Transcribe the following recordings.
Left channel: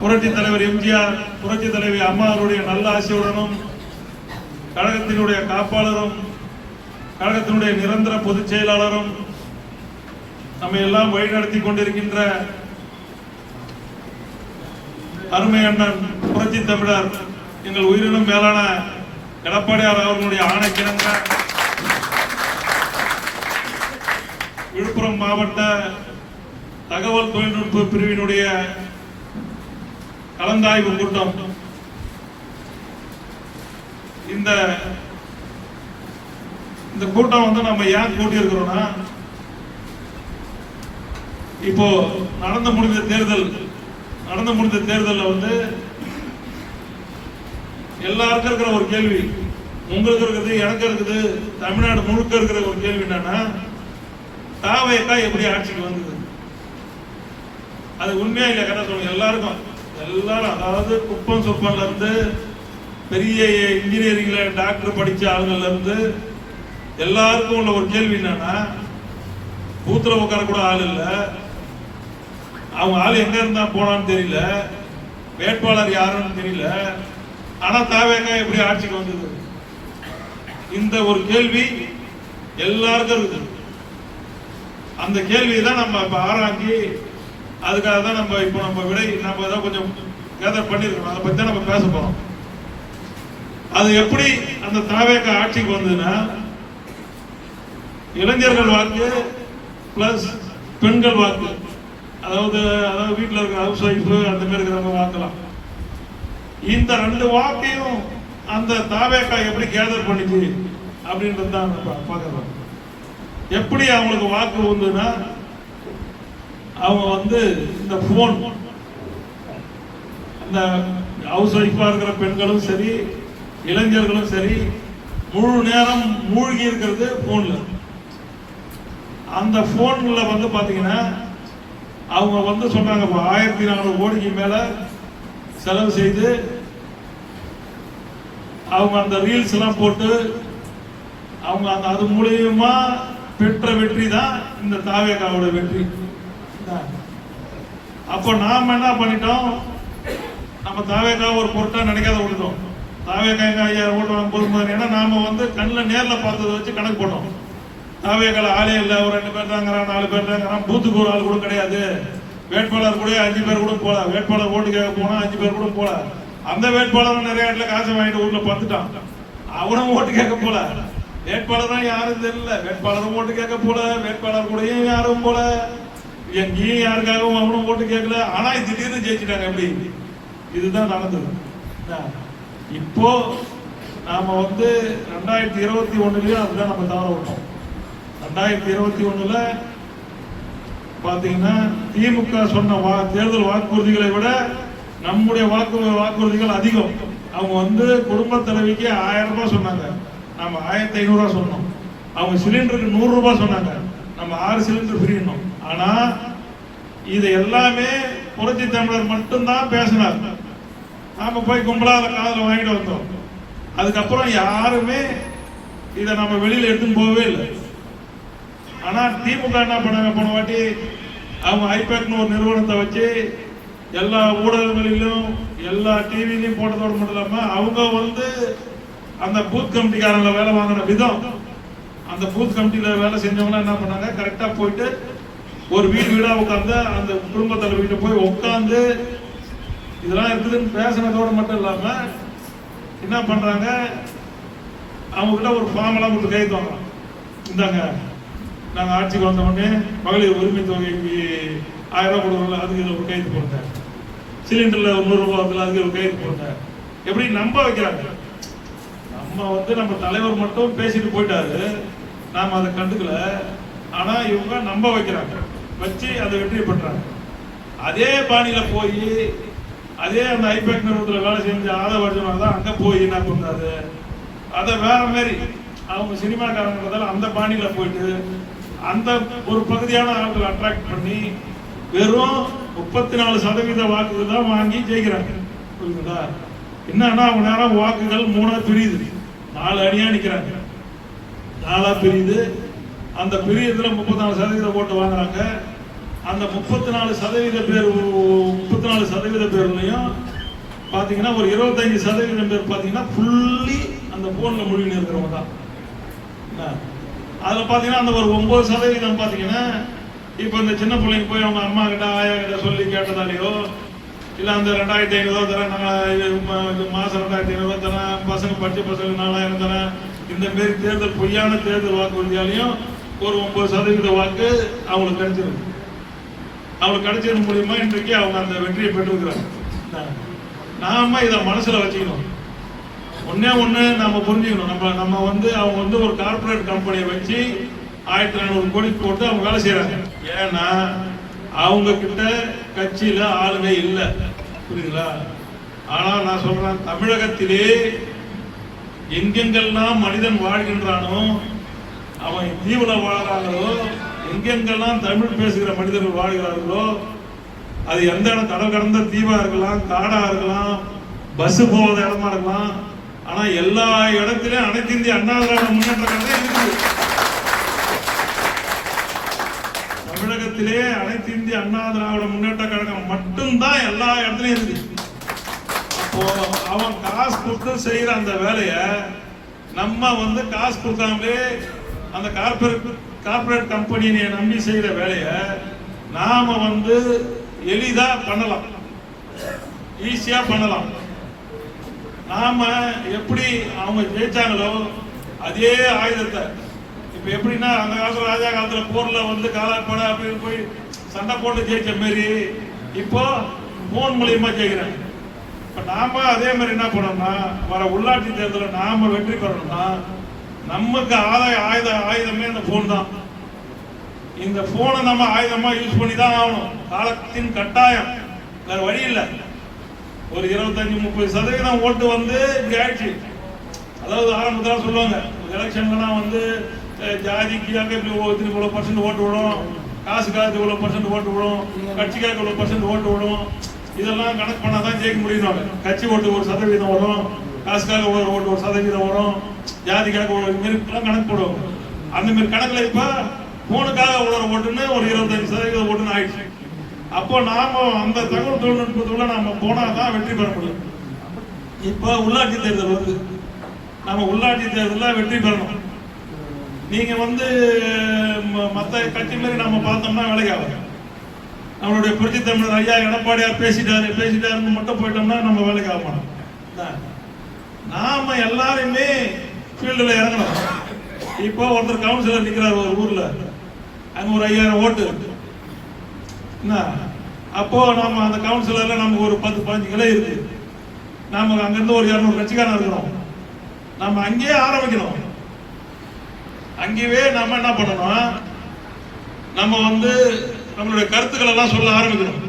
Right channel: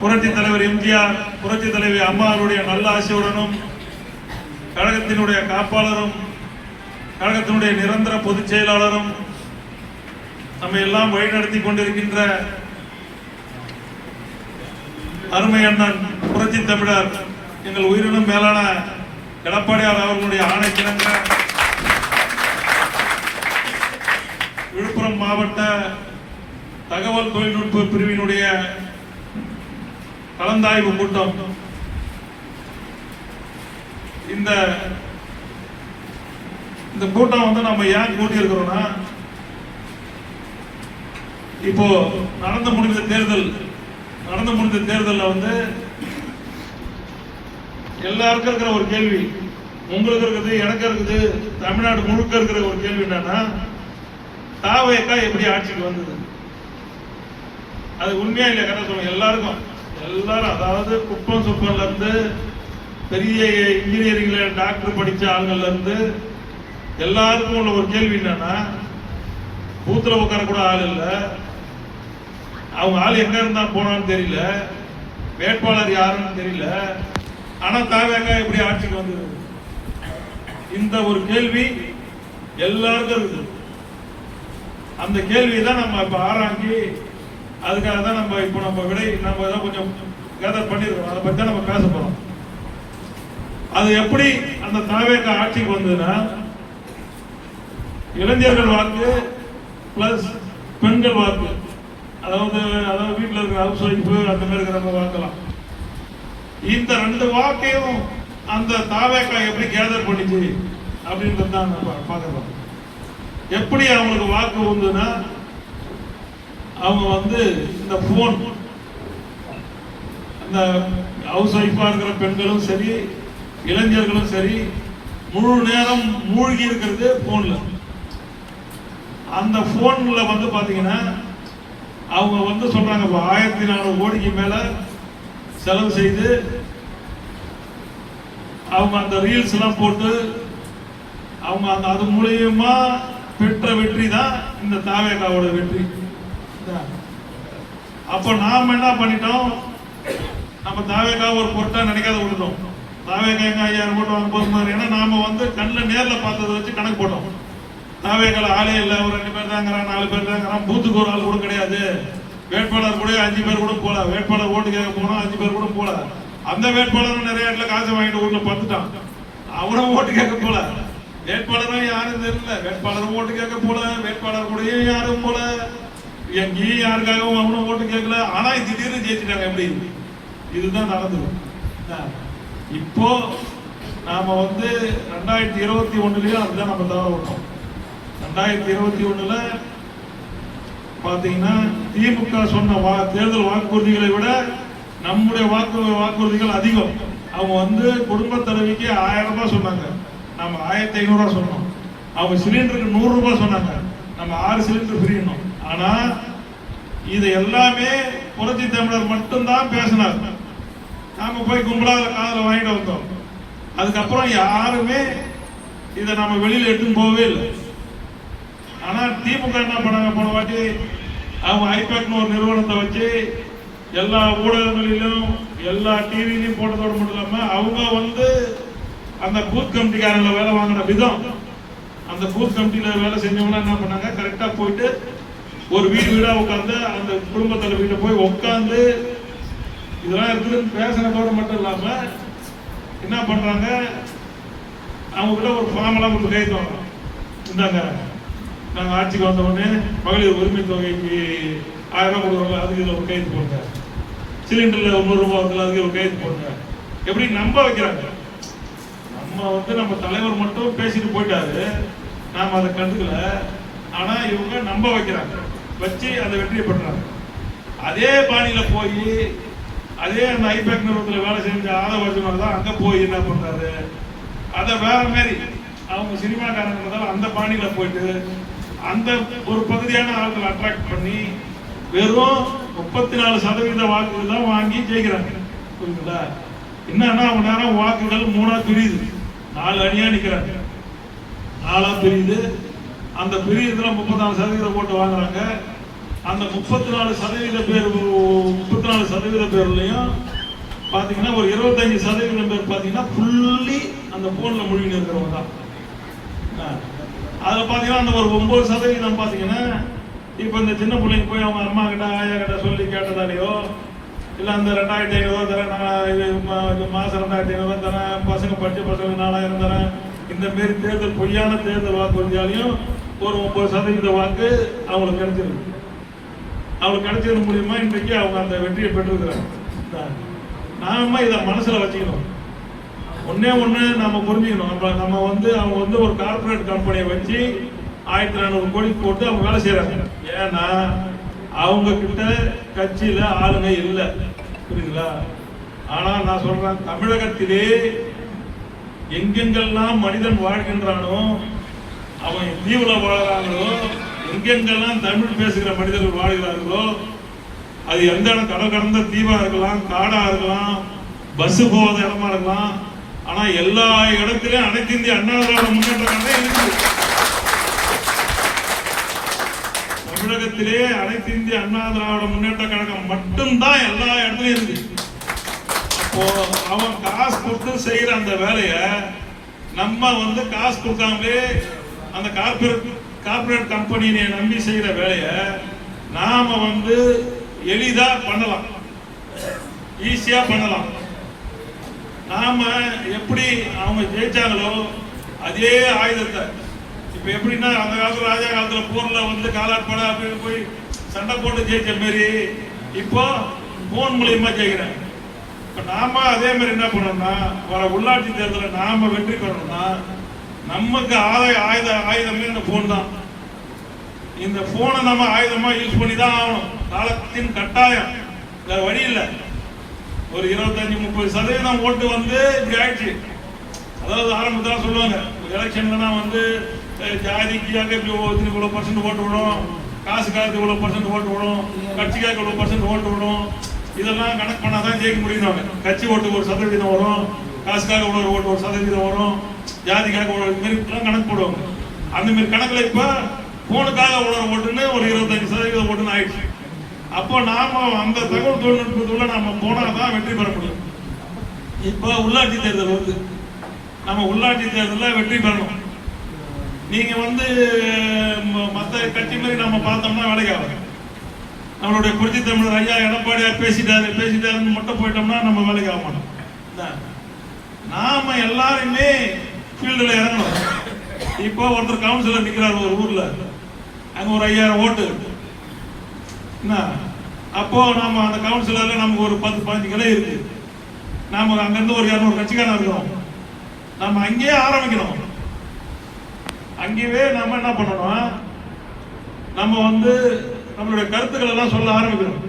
புரட்சி தலைவர் எம்ஜிஆர், புரட்சி தலைவி அம்மா அவருடைய நல்ல ஆசையுடனும் கழகத்தினுடைய காப்பாளரும் கழகத்தினுடைய நிரந்தர பொதுச் செயலாளரும் நம்ம எல்லாம் வழிநடத்தி கொண்டிருக்கின்ற அருமை அண்ணன் புரட்சி தமிழர் எங்கள் உயிரினும் மேலான எடப்பாடியார் அவர்களுடைய ஆணைக்கிணங்க விழுப்புரம் மாவட்ட தகவல் தொழில்நுட்ப பிரிவினுடைய கலந்தாய்வு கூட்டம். இந்த கூட்டம் வந்து நம்ம ஏன் கூட்டி இருக்கிறோம்னா, இப்போ நடந்து முடிந்த தேர்தல் வந்து எல்லாருக்கும் இருக்கிற ஒரு கேள்வி, உங்களுக்கு இருக்குது, எனக்கு இருக்குது, தமிழ்நாடு முழுக்க இருக்கிற ஒரு கேள்வி என்னன்னா, தாவேக்கா எப்படி ஆட்சிக்கு வந்தது? அது உண்மையா இல்லையா? கேட்டா சொல்லுங்க. எல்லாரும் அதாவது குப்பம் சொப்பன்ல இருந்து பெரிய இன்ஜினியரிங்ல டாக்டர் படிச்ச ஆளுங்கள்ல இருந்து எல்லாருக்கும் உள்ள ஒரு கேள்வி என்னன்னா, பூத்துல உட்கார கூட ஆள் இல்ல, அவங்க ஆள் எங்க இருந்தா போனான்னு தெரியல, வேட்பாளர் யாருன்னு தெரியல, ஆனா தாவேக்கா எப்படி ஆட்சிக்கு வந்தது? இந்த ஒரு கேள்வி எல்லாருக்கும் இருக்குது. அந்த கேள்வியை தான் நம்ம இப்ப ஆராய்ச்சி, அதுக்காக தான் நம்ம விடை நம்ம ஏதாவது கொஞ்சம் கேதர் பண்ணிருக்கோம். அதை பத்தி தான் நம்ம பேச போறோம். அது எப்படி அந்த தாவேக்கா ஆட்சிக்கு வந்ததுன்னா, இளைஞர்கள் வாக்கு பிளஸ் பெண்கள் வாக்கு, அதாவது வீட்டில் இருக்கிற ஹவுஸ் ஒய்ஃப் அந்த மாதிரி இருக்கிறவங்க வாக்கலாம். இந்த ரெண்டு வாக்கையும் அந்த தாவேக்கா எப்படி கேதர் பண்ணிச்சு அப்படின்றது தான் நம்ம பார்க்கலாம். எப்படி அவங்களுக்கு வாக்கு வந்ததுன்னா, அவங்க வந்து இந்த போன், அந்த ஹவுஸ் ஒய்ஃபா இருக்கிற பெண்களும் சரி இளைஞர்களும் சரி முழு நேரம் மூழ்கி இருக்கிறது போன்ல. அந்த போன்ல வந்து பாத்தீங்கன்னா அவங்க வந்து சொல்றாங்க 1400 கோடிக்கு மேல செலவு செய்து அவங்க அந்த ரீல்ஸ் எல்லாம் போட்டு அவங்க அது மூலியமா பெற்ற வெற்றி தான் இந்த தாவேக்காவோட வெற்றி. அப்போ நாம என்ன பண்ணிட்டோம், நம்ம தாவேக்கா ஒரு பொருட்டா நினைக்காத விட்டுட்டோம். தாவேக்கா எங்க 5000 ஓட்டு வாங்க போதும். ஏன்னா நாம வந்து கண்ணில் நேர்ல பார்த்ததை வச்சு கணக்கு போட்டோம். தாவேக்கால ஆளே இல்லை, ஒரு 2 பேர் தாங்கிறான், 4 பேர் தாங்கிறான், பூத்துக்கு ஒரு ஆள் கூட கிடையாது, வேட்பாளர் கூட 5 பேர் கூட போல, வேட்பாளர் ஓட்டு கேட்க போனா 5 பேர் கூட போல, அந்த வேட்பாளரும் நிறைய இடத்துல காசு வாங்கிட்டு ஊர்ல பார்த்துட்டான், அவனும் ஓட்டு கேட்க போல, வேட்பாளரும் யாரும் தெரியல, வேட்பாளரும் ஓட்டு கேட்க போல, வேட்பாளர் கூடயும் யாரும் போல, எங்கேயும் யாருக்காகவும் அவனும் ஓட்டு கேட்கல, ஆனா திடீர்னு ஜெயிச்சுட்டாங்க. எப்படி? இதுதான் நடந்தது. இப்போ நாம வந்து 2021 அதுதான் நம்ம தவற விட்டோம். 2021 பாத்தீங்கன்னா திமுக சொன்ன தேர்தல் வாக்குறுதிகளை விட நம்முடைய வாக்குறுதிகள் அதிகம். அவங்க வந்து குடும்ப தலைவிக்கு 1000 ரூபாய் சொன்னாங்க, நம்ம 1500 ரூபாய் சொன்னோம். அவங்க சிலிண்டருக்கு 100 ரூபாய் சொன்னாங்க, நம்ம 6 சிலிண்டர் ஃப்ரீனோம். ஆனா இது எல்லாமே புரட்சி தமிழர் மட்டும்தான் பேசினார். நாம போய் கும்பலால காதல வாங்கிட்டு வந்தோம். அதுக்கப்புறம் யாருமே இதை நம்ம வெளியில எடுத்துன்னு போகவே இல்லை. ஆனா திமுக என்ன பண்ணாங்க, போன வாட்டி அவங்க ஐபேக்னு ஒரு நிறுவனத்தை வச்சு எல்லா ஊடகங்களிலும் எல்லா டிவிலையும் போட்டதோடு மட்டும் இல்லாம அவங்க வந்து அந்த பூத் கமிட்டிக்காரங்களை வேலை வாங்கின விதம், அந்த பூத் கமிட்டியில வேலை செஞ்சவங்க என்ன பண்ணாங்க, கரெக்டா போயிட்டு ஒரு வீடா உட்காந்து அந்த குடும்ப தலைவர்கிட்ட போய் உட்காந்து இதெல்லாம் இருக்குதுன்னு பேசினதோடு மட்டும் இல்லாம என்ன பண்றாங்க, அவங்க கிட்ட ஒரு ஃபார்ம் எல்லாம் கொடுத்து கைது வாங்குறோம். இந்தாங்க, நாங்க ஆட்சிக்கு வந்த உடனே மகளிர் உரிமை தொகைக்கு 1000 ரூபாய் கொடுக்குறோம், அதுக்கு இதில் ஒரு கைது போடுங்க, சிலிண்டர்ல 100 ரூபாய் வருதுல அதுக்கு ஒரு கைது போடுங்க. எப்படி நம்ப வைக்கிறாங்க. நம்ம தலைவர் மட்டும் பேசிட்டு போயிட்டாரு, நாம அதை கண்டுக்கல, ஆனா இவங்க நம்ப வைக்கிறாங்க, வச்சு அதை வெற்றி பண்றாங்க. அதே பாணியில போய் அதே அந்த ஐபேக் நிறுவனத்தில் வேலை செஞ்ச ஆதவர்ஜனர் தான் அங்க போய் என்ன பண்றாரு, அதை வேற மாதிரி அவங்க சினிமாக்காரங்கிறதால அந்த பாணியில போயிட்டு அந்த ஒரு பகுதியான ஆட்களை அட்ராக்ட் பண்ணி வெறும் 34% வாக்குகள் தான் வாங்கி ஜெயிக்கிறாங்க. புரியுதுங்களா? என்னன்னா அவங்க நேரம் வாக்குகள் 3ஆ பிரியுது, 4 அணியா நிக்கிறாங்க, 4ஆ பிரியுது. அந்த பிரியத்துல 34% ஓட்டு வாங்குறாங்க. அந்த 34% பேர் 34% பேர்லையும் பார்த்தீங்கன்னா ஒரு 25% பேர் பார்த்தீங்கன்னா ஃபுல்லி அந்த போன்ல மூழ்கி இருக்கிறவங்க தான். அதில் பார்த்தீங்கன்னா அந்த ஒரு 9% பார்த்தீங்கன்னா இப்போ இந்த சின்ன பிள்ளைங்க போய் அவங்க அம்மா கிட்ட ஆயா கிட்ட சொல்லி கேட்டதாலேயோ இல்லை அந்த 2500 தரேன் மாதம் 2500 தரேன் பசங்க படித்த பசங்க 4000 தரேன் இந்த மாரி தேர்தல் பொய்யான தேர்தல் வாக்குறுதியாலையும் ஒரு 9% வாக்கு அவங்களுக்கு கிடைச்சிருக்கு. அவங்களுக்கு கிடைச்சது மூலியமா இன்றைக்கு அவங்க அந்த வெற்றியை பெற்றிருக்கிறாங்க. நாம இதை மனசுல வச்சுக்கணும். ஒண்ணு நம்ம புரிஞ்சுக்கணும். நம்ம அவங்க ஒரு கார்பரேட் கம்பெனியை வச்சு 1400 கோடி போட்டு அவங்க வேலை செய்யறாங்க. ஏன்னா அவங்க கிட்ட கட்சியில ஆளுங்க இல்லை, புரியுங்களா? ஆனா நான் சொல்றேன், தமிழகத்திலே எங்கெங்கெல்லாம் மனிதன் வாழ்கின்றானோ அவன் தீவிர வாழறாங்களோ, எங்கெங்கெல்லாம் தமிழ் பேசுகிற மனிதர்கள் வாழ்கிறார்களோ, அது எந்த இடம் கடல் கடந்த தீவா இருக்கலாம், காடா இருக்கலாம், பஸ் போகாத இடமா இருக்கலாம், ஆனா எல்லா இடத்திலும் அனைத்து இந்திய அண்ணா திராவிட முன்னேற்ற கழகம் இருக்கு. தமிழகத்திலே அனைத்து இந்திய அண்ணா திராவிட முன்னேற்ற கழகம் மட்டும்தான் எல்லா இடத்துலயும் இருக்கு. அப்போ அவன் காசு கொடுத்து செய்யற அந்த வேலைய நம்ம காசு கொடுக்காமலே அந்த கார்பரேட் கம்பெனியை நம்பி செய்யற வேலைய நாம எளிதா பண்ணலாம், ஈஸியா பண்ணலாம். நாம எப்படி அவங்க ஜெயிச்சாங்களோ அதே ஆயுதத்தை இப்ப எப்படின்னா அந்த காலத்துல ராஜா காலத்துல போர்ல காலாட்பட அப்படி போய் சண்டை போட்டு ஜெயிச்ச மாரி இப்போ போன் மூலியமா ஜெயிக்கிறாங்க. இப்ப நாம அதே மாதிரி என்ன பண்ணோம்னா வர உள்ளாட்சி தேர்தலில் நாம வெற்றி பெறணும்னா நமக்கு ஆயுதமே இந்த போன் தான். இந்த போனை நம்ம ஆயுதமா யூஸ் பண்ணி தான் ஆகணும். காலத்தின் கட்டாயம், வேற வழி இல்லை. ஒரு 25-30% ஓட்டு இப்படி ஆயிடுச்சு. அதாவது ஆரம்பத்தில் சொல்லுவாங்க எலெக்ஷன்லாம் ஜாதிக்காக இவ்வளோ % ஓட்டு விடும், காசுக்காக இவ்வளோ % ஓட்டு விடும், கட்சிக்காக இவ்வளோ % ஓட்டு விடும், இதெல்லாம் கணக்கு பண்ணால் தான் ஜெயிக்க முடியும். கட்சி ஓட்டு 1% வரும், காசுக்காக இவ்வளோ ஓட்டு 1% வரும், ஜாதிக்காக இவ்வளோ மாரிலாம் கணக்கு போடுவாங்க. அந்த மாதிரி கணக்கில் இப்போ போனுக்காக இவ்வளோ ஓட்டுன்னு ஒரு 25% ஓட்டுன்னு ஆயிடுச்சு. அப்போ நாம அந்த தகவல் தொழில்நுட்பத்துக்குள்ள நாம போனாதான் வெற்றி பெற முடியும். இப்போ உள்ளாட்சி தேர்தல் நம்ம உள்ளாட்சி தேர்தலில் வெற்றி பெறணும். நீங்க மற்ற கட்சி மாதிரி நம்ம பார்த்தோம்னா வேலைக்கு ஆகும். நம்மளுடைய புரட்சி தமிழர் ஐயா எடப்பாடியார் பேசிட்டாருன்னு மட்டும் போயிட்டோம்னா நம்ம வேலைக்கு ஆக மாட்டோம். நாம எல்லாருமே ஃபீல்டுல இறங்கணும். இப்போ ஒருத்தர் கவுன்சிலர் நிற்கிறார் ஒரு ஊர்ல, அங்க ஒரு 5000 ஓட்டு என்ன, அப்போ நம்ம அந்த கவுன்சிலர்ல நமக்கு ஒரு 10-15 கிளை இருக்கு. நாம அங்கிருந்து ஒரு 200 கட்சிக்காரன் இருக்கிறோம். நம்ம அங்கேயே ஆரம்பிக்கணும். அங்கேயே நம்ம என்ன பண்ணணும், நம்ம நம்மளுடைய கருத்துக்களை எல்லாம் சொல்ல ஆரம்பிக்கணும்.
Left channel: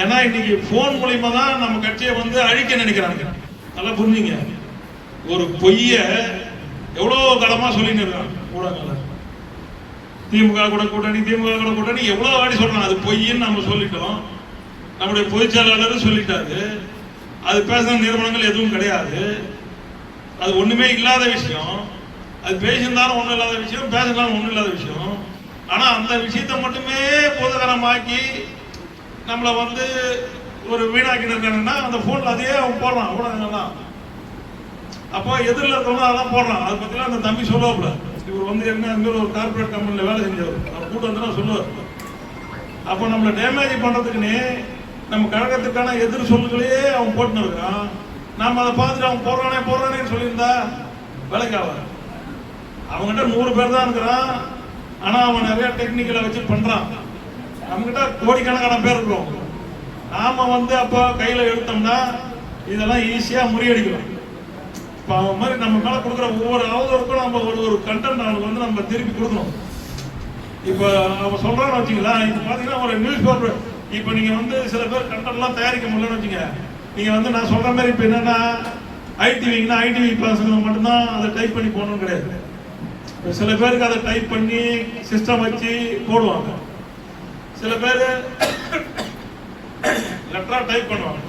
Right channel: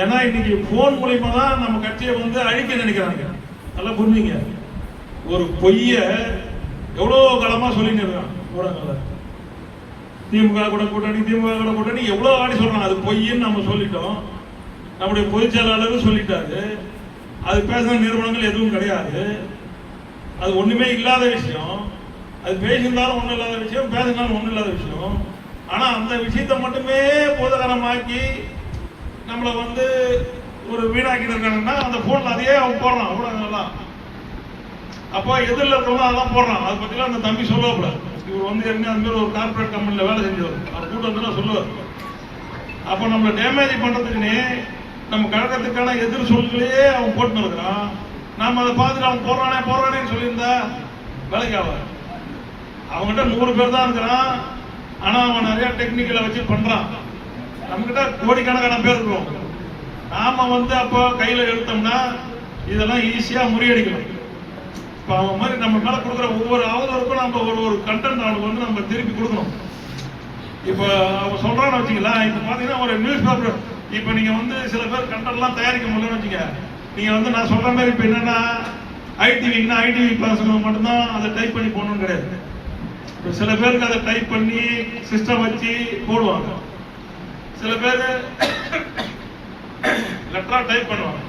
ஏன்னா இன்னைக்கு போன் மூலியமா தான் நம்ம கட்சியை அழிக்க நினைக்கிறாங்க. நல்லா புரிஞ்சுங்க. ஒரு பொய்ய எவ்வளவு காலமா சொல்லிட்டு இருக்காங்க ஊடகங்கள். திமுக கூட கூட்டணி எவ்வளவு ஆடி சொல்றாங்க. அது பொய்ன்னு நம்ம சொல்லிட்டோம். நம்முடைய பொதுச் செயலாளர் சொல்லிட்டாரு. அது பேசின நிறுவனங்கள் எதுவும் கிடையாது. அது ஒண்ணுமே இல்லாத விஷயம். அது பேசியிருந்தாலும் ஒண்ணும் இல்லாத விஷயம், பேசினாலும் ஒண்ணும் இல்லாத விஷயம். ஆனா அந்த விஷயத்தை மட்டுமே பூதகரமாக்கி நம்மளை ஒரு வீணாக்கி இருக்காங்கன்னா அந்த போன்ல அதையே அவன் போடுறான் ஊடகங்கள்லாம். அப்போ எதிரில் இருக்கிறவங்க அதெல்லாம் போடுறான். அதை பத்திலாம் அந்த தம்பி சொல்லக்கூட. இவர் என்ன அந்த மாதிரி ஒரு கார்பரேட் கம்பெனியில் வேலை செஞ்சவர், அவர் கூட்டம் சொல்லுவார். அப்போ நம்மளை டேமேஜ் பண்றதுக்குன்னே நம்ம கழகத்துக்கான எதிர் சொல்களையே அவன் போட்டுன்னு இருக்கான். நாம அதை பார்த்துட்டு அவன் போடுறானேன்னு சொல்லியிருந்தா வேலைக்கு ஆவார். அவங்ககிட்ட 100 பேர் தான் இருக்கிறான். ஆனா அவன் நிறைய டெக்னிக்கலை வச்சு பண்றான். நம்மகிட்ட கோடிக்கணக்கான பேர் இருக்கிறோம். நாம அப்போ கையில எடுத்தோம்னா இதெல்லாம் ஈஸியா முறியடிக்கலாம். இப்போ அவன் மாதிரி நம்ம மேல கொடுக்குற ஒவ்வொரு அவதருக்கும் நம்ம ஒரு கண்டென்ட் அவனுக்கு நம்ம திருப்பி கொடுக்கணும். இப்போ அவங்க சொல்றான்னு வச்சுக்கலாம். இப்போ பாத்தீங்கன்னா ஒரு நியூஸ் பேப்பர், இப்போ நீங்க சில பேர் கண்டென்ட்லாம் தயாரிக்க முடியலன்னு வச்சுங்க. நீங்க நான் சொல்ற மாதிரி இப்போ என்னன்னா ஐடிவிங்கன்னா ஐடிவி பசங்க மட்டும்தான் அதை டைப் பண்ணி போடணும்னு கிடையாது. சில பேருக்கு அதை டைப் பண்ணி சிஸ்டம் வச்சு போடுவாங்க. சில பேர் லெட்டரா டைப் பண்ணுவாங்க.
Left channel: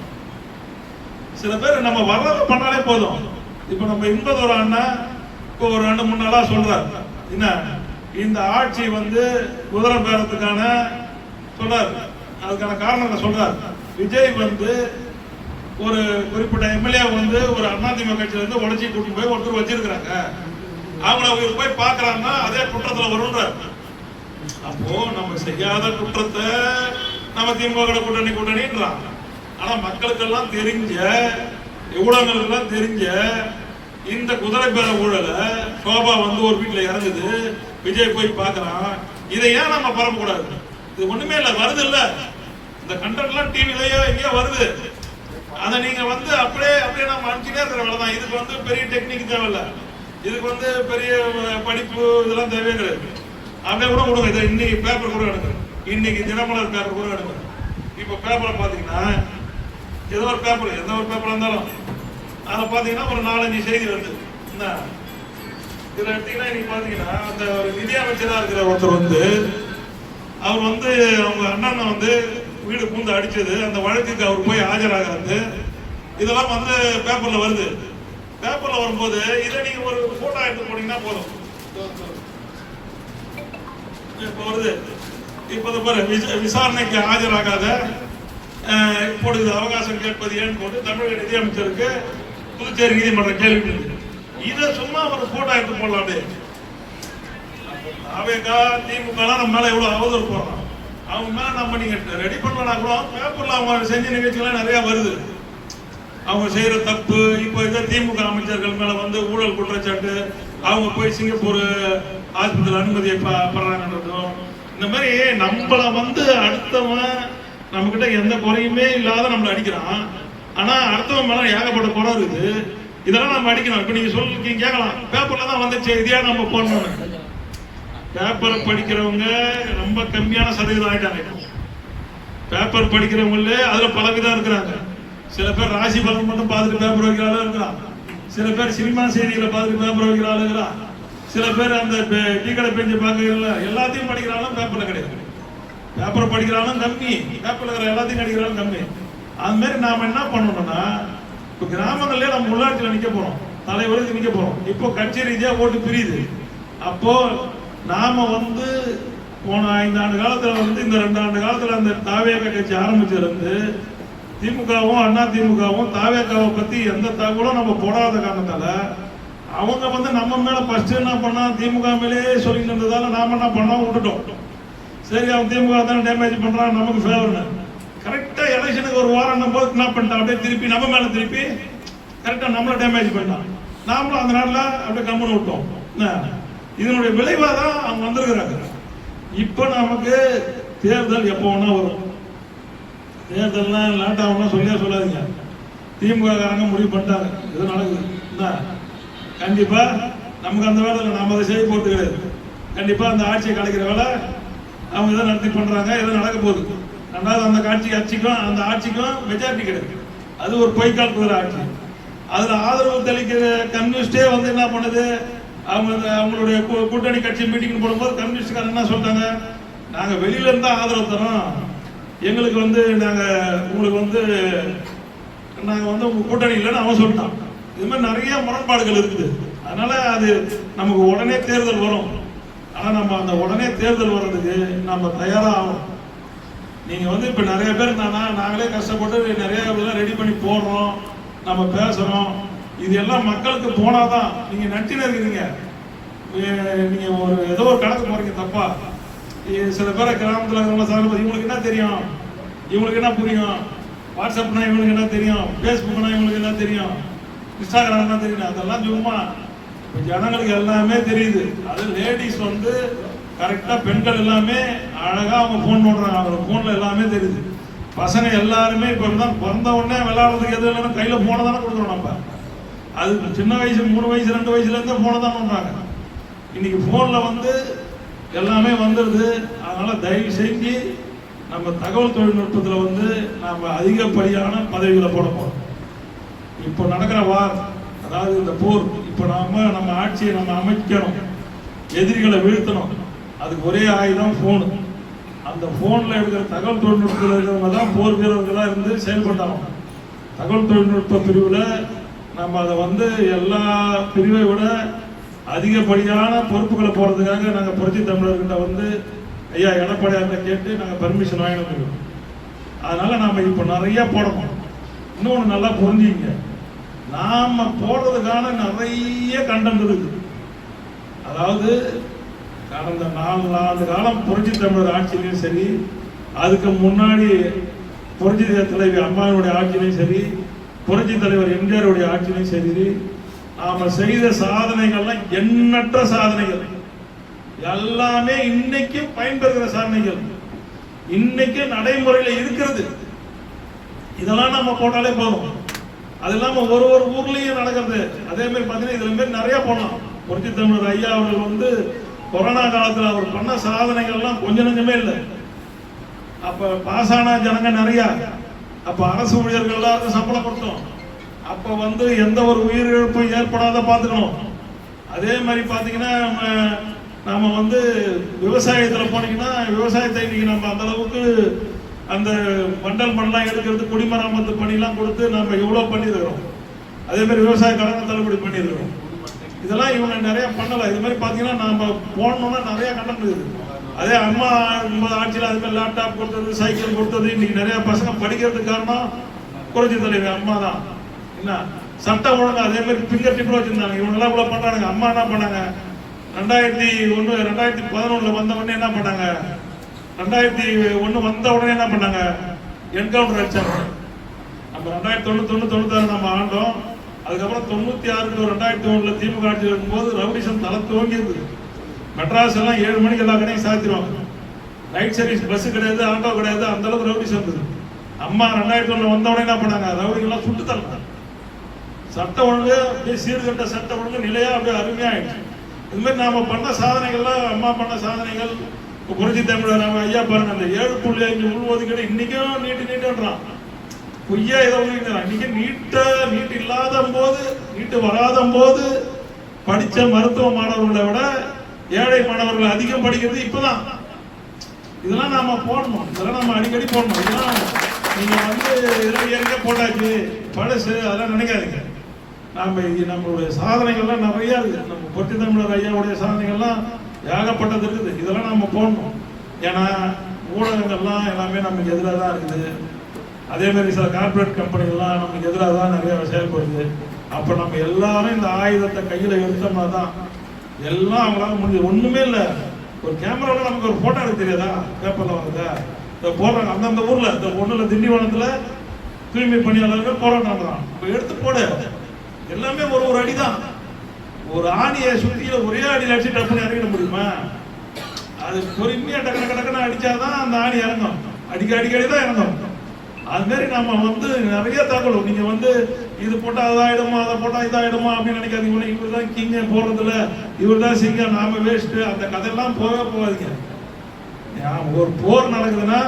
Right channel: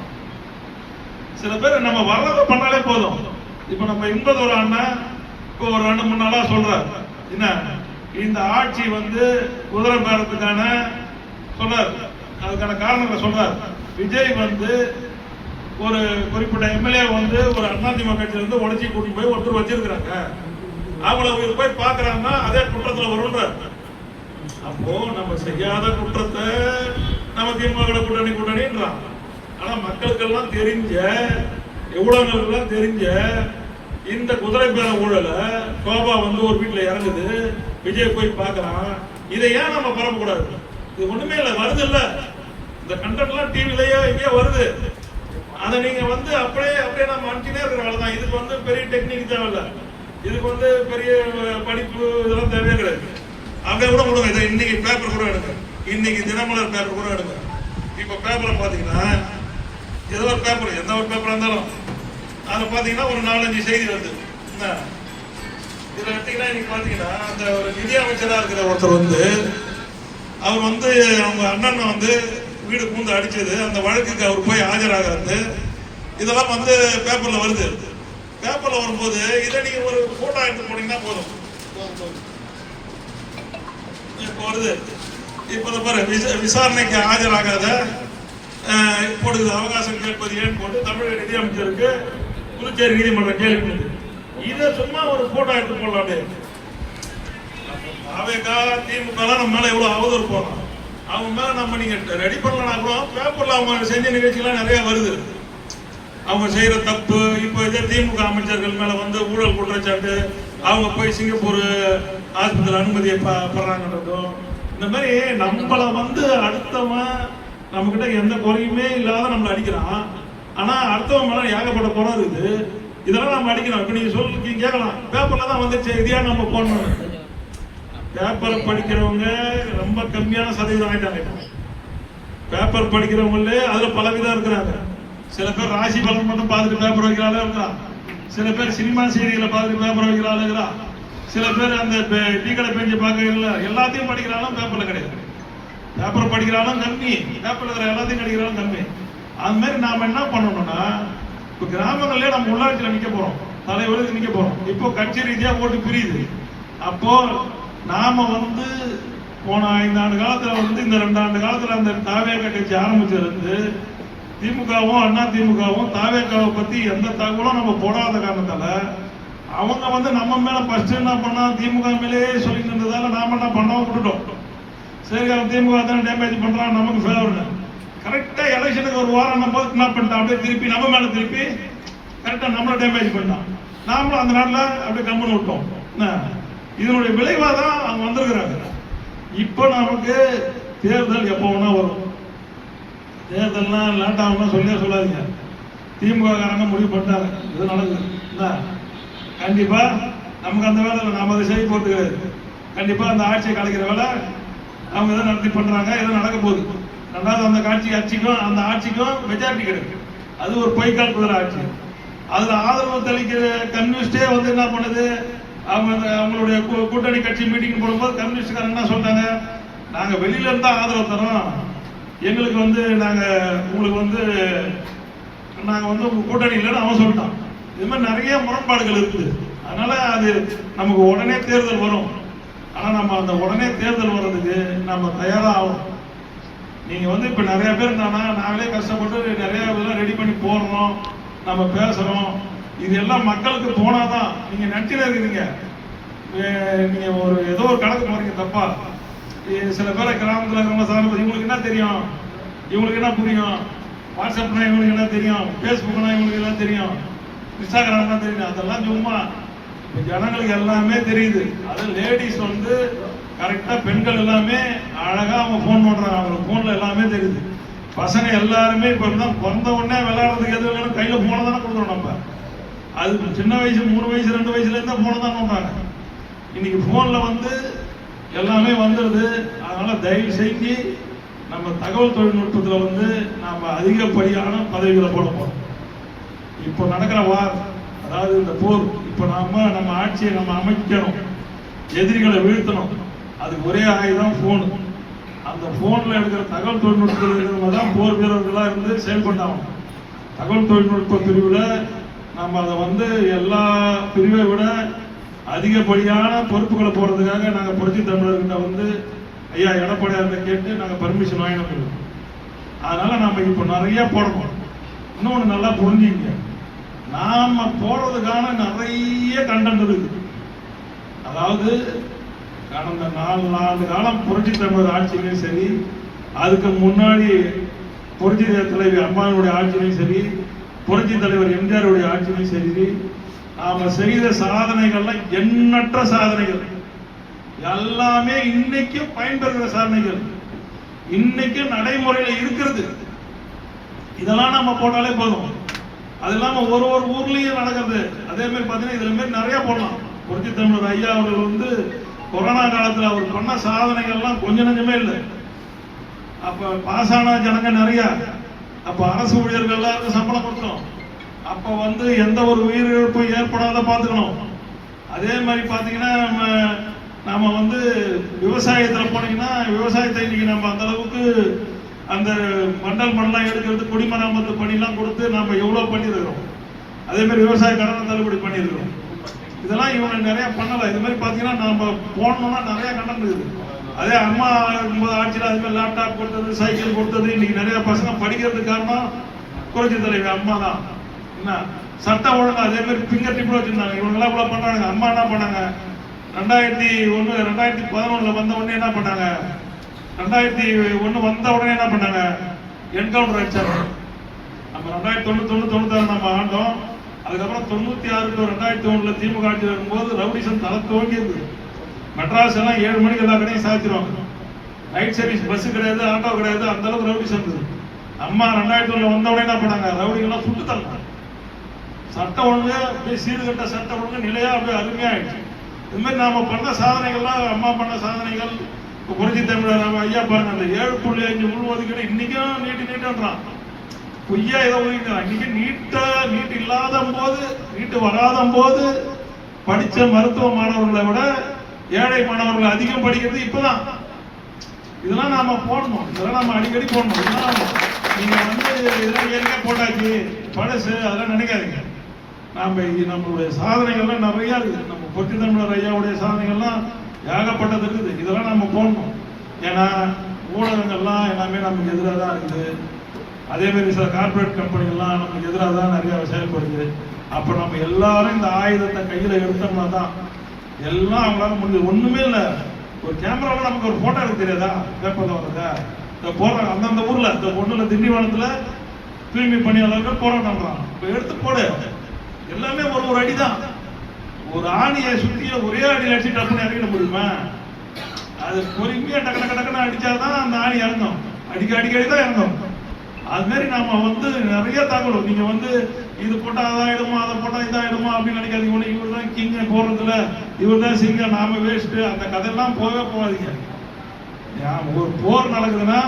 சில பேர் நம்ம வர்றதை பண்ணாலே போதும். இப்ப நம்ம இன்பதோட அண்ணன் இப்போ ஒரு 2-3 நாளா சொல்றாரு, என்ன இந்த ஆட்சி குதிரை பேரத்துக்கான சொல்றாரு. அதுக்கான காரணம் சொல்றாரு. விஜய் வந்து ஒரு குறிப்பிட்ட எம்எல்ஏ வந்து ஒரு அதிமுக கட்சியில இருந்து உடச்சி கூட்டிட்டு போய் ஒருத்தர் வச்சிருக்கிறாங்க. அவங்கள போய் பாக்குறாங்கன்னா அதே குற்றத்துல வரும்ன்ற. அப்போ நம்ம செய்யாத குற்றத்தை நம்ம திமுக கூட்டணின்றான். ஆனா மக்களுக்கெல்லாம் தெரிஞ்ச, ஊடகங்களுக்கெல்லாம் தெரிஞ்ச இந்த குதிரை பேர ஊழல சோபா வந்து ஒரு வீட்டுல இறங்குது, விஜய் போய் பார்க்கறான். இதை ஏன் நம்ம பரப்பக்கூடாது? இது ஒண்ணுமே இல்ல, வருது இல்ல, இந்த கண்டென்ட் எல்லாம் டிவிலயோ எங்கேயோ வருது. அதை நீங்க வந்து அப்படியே நம்ம அனுப்பிச்சுட்டே இருக்கிற வேலை தான். இதுக்கு வந்து பெரிய டெக்னிக் தேவையில்லை, இதுக்கு வந்து பெரிய படிப்பு இதெல்லாம் தேவையே கிடையாது. அப்படியே கூட கொடுங்க. இதை இன்னைக்கு பேப்பர் கூட எடுங்க, இன்னைக்கு தினமலர் பேப்பர் கூட எடுங்க. இப்ப பேப்பர்ல பாத்தீங்கன்னா ஏதோ ஒரு பேப்பர், எந்த ஒரு பேப்பர் இருந்தாலும் அதில் பார்த்தீங்கன்னா ஒரு 4-5 செய்தி வருது. என்ன இதில் எடுத்தீங்கன்னா இன்னைக்கு பார்த்தீங்கன்னா அந்த ஒரு நிதி அமைச்சராக இருக்கிற ஒருத்தர் வந்து அவர் வந்து அவங்க அண்ணனை வந்து வீடு பூந்து அடிச்சது, அந்த வழக்குக்கு அவர் போய் ஆஜராகிறது, இதெல்லாம் வந்து பேப்பர்ல வருது. பேப்பர்ல வரும்போது இதை நீங்க ஒரு போட்டோ எடுத்து போனீங்கன்னா போதும். இப்போ வருது. இப்போ பாரு, விசாரணைக்கு ஆஜராகாத இப்பொழுது அவகாசம் கேட்பது ஏன்னு போட்டு தமிழக நிதியமைச்சருக்கு புதுச்சேரி நீதிமன்றம் கேள்வி. இதை சும்மா ஒரு போட்டோ எடுத்து போடலாம். அப்படியே அவைக்கா திமுக நம்ம மேல எவ்வளவு அவதூறு போடலாம், அவங்க மேல நம்ம நீங்க ரெடி பண்ணலாம் கூட பேப்பர்ல அவங்க செஞ்ச நிகழ்ச்சிகள்லாம் நிறைய வருது. அவங்க செய்யற தப்பு. இப்போ இதை திமுக அமைச்சர்கள் மேல வந்து ஊழல் குற்றச்சாட்டு, அவங்க போய் சிங்கப்பூர் ஆஸ்பத்திரி அனுமதியை பெறாங்கன்றதும், இந்த மாதிரி நம்மள வந்து அடுத்தவன் நம்ம கிட்ட எந்த குறையுமே இல்லாத நம்மள அடிக்கிறான். ஆனா அடுத்தவன் மேல ஏகப்பட்ட குறை இருக்குது, இதெல்லாம் நம்ம அடிக்கணும். இப்ப நீங்க சொல்லி கேட்கலாம், பேப்பர்ல தான் வந்து செய்தியா நம்ம போடணும். பேப்பர் படிக்கிறவங்க ரொம்ப கம்மியான சதவீதம் ஆயிட்டாங்க. பேப்பர் படிக்கிறவங்களே அதுல பலவிதம் இருக்கிறாங்க. சில பேர் ராசி பலன் மட்டும் பார்த்துட்டு பேப்பர் வைக்கிறாள் இருக்கிறான், சில பேர் சினிமா செய்திகளை பார்த்துட்டு பேப்பர் வைக்கிறாள் இருக்கிறான், சில பேர் அந்த டீக்கடை பேஞ்சு பார்க்கறதுல எல்லாத்தையும் படிக்கிறாலும் பேப்பர்ல கிடையாது. பேப்பர் படிக்கிறாலும் கம்மி, பேப்பர்ல இருக்கிற எல்லாத்தையும் படிக்கிறாலும் கம்மி. அது மாதிரி நாம என்ன பண்ணணும்னா, இப்ப கிராமங்கள்ல நம்ம உள்ளாட்சியில் நிக்க போறோம், தலைவருக்கு நிக்க போறோம். இப்போ கட்சி ரீதியா ஓட்டு புரியுது. அப்போ நாம வந்து போன 5 ஆண்டு காலத்துல வந்து இந்த 2 ஆண்டு காலத்துல அந்த தாவேக கட்சி ஆரம்பிச்சிருந்து திமுகவும் அண்ணா திமுகவும் தாவேகாவை பத்தி எந்த தகவலும் நம்ம போடாத காரணத்தால அவங்க வந்து நம்ம மேல ஃபர்ஸ்ட் என்ன பண்ணா திமுக மேலே சொல்லிட்டு இருந்ததால நாம என்ன பண்ணோம், விட்டுட்டோம். சரி, அவன் திமுக தானே டேமேஜ் பண்றான், நமக்கு ஃபேவர்னு. கரெக்டா எலெக்ஷனுக்கு ஒரு வாரம் போது என்ன பண்ணிட்டான், அப்படியே திருப்பி நம்ம மேல திருப்பி கரெக்டா நம்மள டேமேஜ் பண்ணான். நாமளும் அந்த நாட்டில் அப்படியே கம்பெனி விட்டோம். இதனுடைய விளைவாக தான் அங்க வந்திருக்கிறாங்க. இப்போ நமக்கு தேர்தல் எப்போ வேணா வரும். தேர்தல்லாம் லேட் ஆகும்னா சொல்லியா சொல்லாதீங்க. திமுக காரங்க முடிவு பண்ணிட்டாங்க, இது நடக்குது. கண்டிப்பா நமக்கு அந்த வேலை நாம அதை செய்ய போறது கிடையாது. கண்டிப்பா அந்த ஆட்சியை கலைக்கிற வேலை அவங்க எதை நடத்தி பண்றாங்க, எதுவும் நடக்க போகுது. ரெண்டாவது அந்த அந்த ஆட்சிக்கும் மெஜாரிட்டி கிடையாது. அது ஒரு பொய்க்கால் குதிரை ஆட்சி. அதுல ஆதரவு தெளிக்கிற கம்யூனிஸ்டே வந்து என்ன பண்ணுது, அவங்களுடைய கூட்டணி கட்சி மீட்டிங் போடும்போது கம்யூனிஸ்ட்காரங்க என்ன சொல்றாங்க, நாங்க வெளியில இருந்தா ஆதரவு தரோம், எங்களுக்கு வந்து நாங்க உங்களுக்கு வந்து நாங்க வந்து உங்க கூட்டணி இல்லைன்னு அவன் சொல்லிட்டான். இது மாதிரி நிறைய முரண்பாடுகள் இருக்குது. அதனால அது நமக்கு உடனே தேர்தல் வரும். ஆனா நம்ம அந்த உடனே தேர்தல் வர்றதுக்கு நம்ம தயாரா ஆகும். நீங்க வந்து இப்ப நிறைய பேர் இருந்தானா நாங்களே கஷ்டப்பட்டு நிறைய இதெல்லாம் ரெடி பண்ணி போடுறோம், நம்ம பேசணும். இது எல்லாம் மக்களுக்கு போனாதான். நீங்க நட்டின இருக்கிறீங்க, நீங்க ஒரு ஏதோ ஒரு கணக்கு பாருங்க தப்பா. சில பேரை கிராமத்துல இவங்களுக்கு என்ன தெரியும், இவங்களுக்கு என்ன புரியும், வாட்ஸ்அப்னா இவங்களுக்கு என்ன தெரியும், பேஸ்புக்னா இவங்களுக்கு என்ன தெரியும், இன்ஸ்டாகிராம் என்ன தெரியும், அதெல்லாம் சும்மா ஜனங்களுக்கு எல்லாமே தெரியுது. அது லேடிஸ் வந்து கரெக்டா பெண்கள் எல்லாமே அழகா அவங்க போன் பண்றாங்க, அவங்க போன்ல எல்லாமே தெரியுது. பசங்க எல்லாருமே இப்ப பிறந்த உடனே விளையாடுறதுக்கு எது இல்லைன்னு கையில போன தானே கொடுக்குறோம் நம்ம. அது சின்ன வயசு 3 வயசு 2 வயசுல இருந்தே போன தான் பண்றாங்க. இன்னைக்கு போன்ல வந்து எல்லாமே வந்துடுது. அதனால தயவு செஞ்சு நம்ம தகவல் தொழில்நுட்பத்தில் வந்து நம்ம அதிகப்படியான பதவிகளை போட போறோம். இப்போ நடக்கிற அதாவது இந்த போர், இப்போ நம்ம ஆட்சியை நம்ம அமைக்கணும், எதிரிகளை வீழ்த்தணும். அதுக்கு ஒரே ஆயுதம் போன். அந்த போன்ல இருக்கிற தகவல் தொழில்நுட்பத்தில் இருக்கிறவங்க தான் போர் வீரர்களாக இருந்து செயல்பட்டாங்க. தகவல் தொழில்நுட்ப பிரிவில் நம்ம அதை வந்து எல்லா பிரிவை விட அதிகப்படியான பொறுப்புகளை போறதுக்காக நாங்கள் புரட்சி தமிழர்கிட்ட வந்து ஐயா எடப்பாடியார்கிட்ட கேட்டு நாங்கள் பர்மிஷன் வாங்கினோம். அதனால நாம இப்போ நிறைய போடணும். இன்னொன்று நல்லா புரிஞ்சுங்க, நாம போடுறதுக்கான நிறைய கண்டென்ட் இருக்குது. அதாவது கடந்த 4 ஆண்டு காலம் புரட்சி தமிழர் ஆட்சியிலையும் சரி, அதுக்கு முன்னாடி புரட்சி தலைவி அம்மாவுடைய ஆட்சியிலையும் சரி, புரட்சி தலைவர் எம்ஜிஆருடைய ஆட்சியிலையும் சரி, நாம செய்த சாதனைகள்லாம் எண்ணற்ற சாதனைகள், எல்லாமே இன்னைக்கும் பயன்பெறுகிற சாதனைகள், இன்னைக்கு நடைமுறையில் இருக்கிறது. இதெல்லாம் நம்ம போட்டாலே போதும். அது இல்லாம ஒரு ஊர்லயும் நடக்கிறது. அதே மாதிரி பாத்தீங்கன்னா இதுல மாதிரி நிறைய போடலாம். புரட்சி தமிழர் ஐயா அவர்கள் கொரோனா காலத்துல அவர் பண்ண சாதனைகள்லாம் கொஞ்சம் நஞ்சமே இல்லை. அப்ப பாஸ் ஆன ஜனங்க நிறைய. அப்ப அரசு ஊழியர்கள் எல்லாருக்கும் சம்பளம் கொடுத்தோம். அப்ப எந்த ஒரு உயிரிழப்பும் ஏற்படாத பார்த்துக்கணும். அதே மாதிரி பாத்தீங்கன்னா நாம விவசாயத்துல போனீங்கன்னா விவசாயத்தை இன்னைக்கு நம்ம அந்த அளவுக்கு அந்த மண்டலம் எடுக்கிறது, குடிமராமத்து பணிலாம் கொடுத்து நம்ம எவ்வளவு பண்ணிருக்கிறோம். அதே மாதிரி விவசாய கடனை தள்ளுபடி பண்ணிருக்கிறோம். இதெல்லாம் இவங்க நிறைய பண்ணலாம். இது மாதிரி பாத்தீங்கன்னா நாம போனோம்னா நிறைய கடன் இருக்குது. அதே அம்மா ஆட்சியில் அது மாதிரி லேப்டாப் கொடுத்தது, சைக்கிள் கொடுத்தது, இன்னைக்கு நிறைய பசங்க படிக்கிறதுக்கு காரணம் புரட்சி தலைவி அம்மா தான். என்ன சட்டம் ஒழுங்கு அதே மாதிரி ஃபிங்கர் டிப்ல வச்சிருந்தாங்க. இவங்கெல்லாம் இவ்வளவு பண்றாங்க. அம்மா என்ன பண்ணாங்க, 2011 வந்த உடனே என்ன பண்ணாங்க, 2001 வந்த உடனே என்ன பண்ணாங்க, என்கவுண்டர் அடிச்சாங்க. நம்ம 2091 நம்ம ஆண்டோம். அதுக்கப்புறம் 96 to 2001 திமுக ஆட்சி வரும்போது ரவுடிசம் தலை துவங்கி இருக்குது. மெட்ராஸ் எல்லாம் 7 மணிக்கு எல்லா கடையும் சாத்திடுவாங்க. நைட் சர்வீஸ் பஸ் கிடையாது, ஆட்டோ கிடையாது, அந்த அளவுக்கு ரவுடிசம் இருக்குது. அம்மா 2001 வந்த உடனே என்ன பண்ணாங்க, ரவுடிகள்லாம் சுட்டு தரலாம். சட்டம் ஒழுங்கு அப்படியே சீர்கட்ட சட்டம் ஒழுங்கு நிலையா அப்படியே அருமையா ஆயிடுச்சு. இது மாதிரி நாம பண்ண சாதனைகள்லாம், அம்மா பண்ண சாதனைகள், புரட்சி தமிழர் ஐயா பாருங்க, அந்த 7.5 உள்ஒதுக்கீடு இன்னைக்கும் நீட்டுன்றான். பொய்யா ஏதோ ஒதுக்கிறான். இன்னைக்கு நீட்டு இல்லாத போது, நீட்டு வராத போது படிச்ச மருத்துவ மாணவர்களை விட ஏழை மாணவர்கள் அதிகம் படிக்கிறது இப்பதான். இதெல்லாம் நாம போடணும். இதெல்லாம் நம்ம அடிக்கடி போடணும். இதெல்லாம் நீங்க இதெல்லாம் ஏற்கனவே போட்டாச்சு, பழசு, அதெல்லாம் நினைக்காதீங்க. நம்மளுடைய சாதனைகள்லாம் நிறைய இருக்கு. நம்ம புரட்சி தமிழர் ஐயாவுடைய சாதனைகள்லாம் ஏகப்பட்டது இருக்குது. இதெல்லாம் நம்ம போடணும். ஏன்னா ஊடகங்கள்லாம் எல்லாமே நமக்கு எதிராக தான் இருக்குது. அதே மாதிரி சில கார்பரேட் கம்பெனிகள்லாம் நமக்கு எதிராக தான் நிறைய செயல்படுது. அப்போ நம்ம எல்லாரும் இந்த ஆயுதத்தை கையில் எடுத்தோம்னா தான் எல்லாம் அவங்களால முடிஞ்சது. ஒண்ணுமே இல்லை, ஒரு கேமராவில் நமக்கு ஒரு போட்டோ எடுக்க தெரியாதா, பேப்பர்ல வருதா, இதை போடுறாங்க. அந்தந்த ஊர்ல இந்த ஒண்ணுல திண்டிவனத்துல தூய்மை பணியாளர்கள் போராட்டம் இப்போ எடுத்து போடு. எல்லாமே ஒரு அடிதான். ஒரு ஆணியை சுத்திய ஒரே அடி அடிச்சு டப்புன்னு இறங்கிட முடியுமா? அது பொறுமையா டக்குன்னு அடிச்சாதான் அந்த ஆணி இறங்கும். அடிக்கடி தான் இறங்கும். அது மாதிரி நாம நிறைய தகவல், நீங்க இது போட்டா அதாயிடுமோ, அதை போட்டா இதாயிடுமோ அப்படின்னு நினைக்காதீங்க. இவர் தான் கிங்க போறதுல, இவர் தான் சிங்க, நாம வேஸ்ட், அந்த கதையெல்லாம் போகாதீங்க. ஒரு போர் நடக்குதுன்னா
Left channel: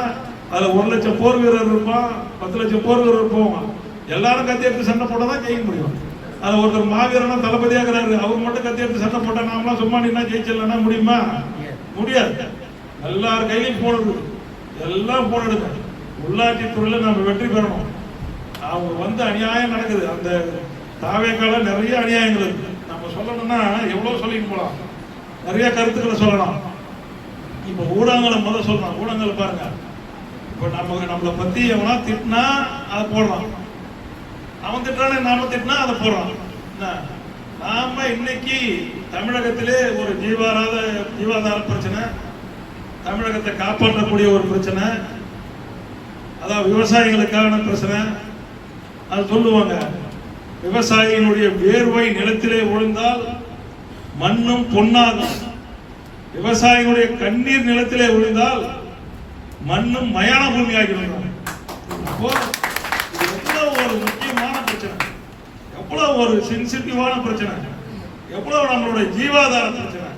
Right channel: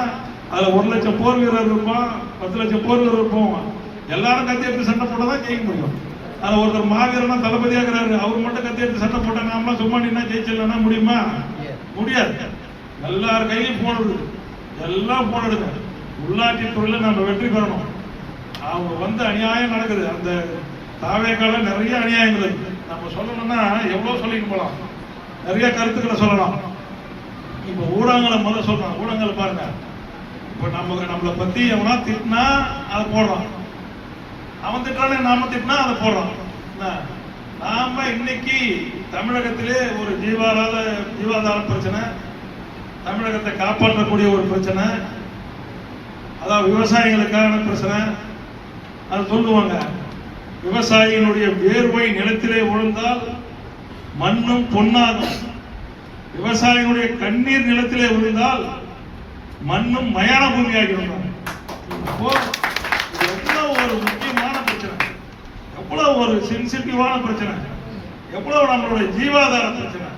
அதுல 1 லட்சம் போர் வீரர் இருப்பான், 10 லட்சம் போர் வீரர் போவான். எல்லாரும் கத்தி எடுத்து சண்டை போட்டாதான் ஜெயிக்க முடியும். அது ஒருத்தர் மாவீரனா தளபதியாகிறாரு, அவர் மட்டும் கத்தி எடுத்து சண்டை போட்டா நாமலாம் சும்மா நின்னா ஜெயிச்சிடலன்னா முடியுமா? முடியாது. எல்லார் கையிலும் போடுது, எல்லாம் போடுங்க. உள்ளாட்சி துறையில நம்ம வெற்றி பெறணும். அவங்க அநியாயம் நடக்குது. அந்த தாவேக்கால நிறைய அநியாயங்கள் இருக்கு. நம்ம சொல்லணும்னா எவ்வளவு சொல்லிட்டு போலாம், நிறைய கருத்துக்களை சொல்லலாம். இப்ப ஊடகங்களை சொல்றான். ஊடகங்களை பாருங்க, இப்ப நம்மளை பத்தி எவனா திட்டினா அதை போடுறான், அவன் திட்டானே நாம திட்டினா அதை போடுறான். நாம இன்னைக்கு தமிழகத்திலே ஒரு ஜீவாதார பிரச்சனை, தமிழகத்தை காப்பாற்றக்கூடிய ஒரு பிரச்சனை, அதாவது விவசாயிகளுக்கான பிரச்சனை. அது சொல்லுவாங்க, விவசாயியினுடைய வேர்வை நிலத்திலே விழுந்தால் மண்ணும் பொன்னாகும், விவசாயிகளுடைய கண்ணீர் நிலத்திலே விழுந்தால் மண்ணும் மயான பூமி ஆகிடும். அப்போ எவ்வளவு ஒரு முக்கியமான பிரச்சனை, எவ்வளவு ஒரு சென்சிட்டிவான பிரச்சனை, எவ்வளவு நம்மளுடைய ஜீவாதார பிரச்சனை,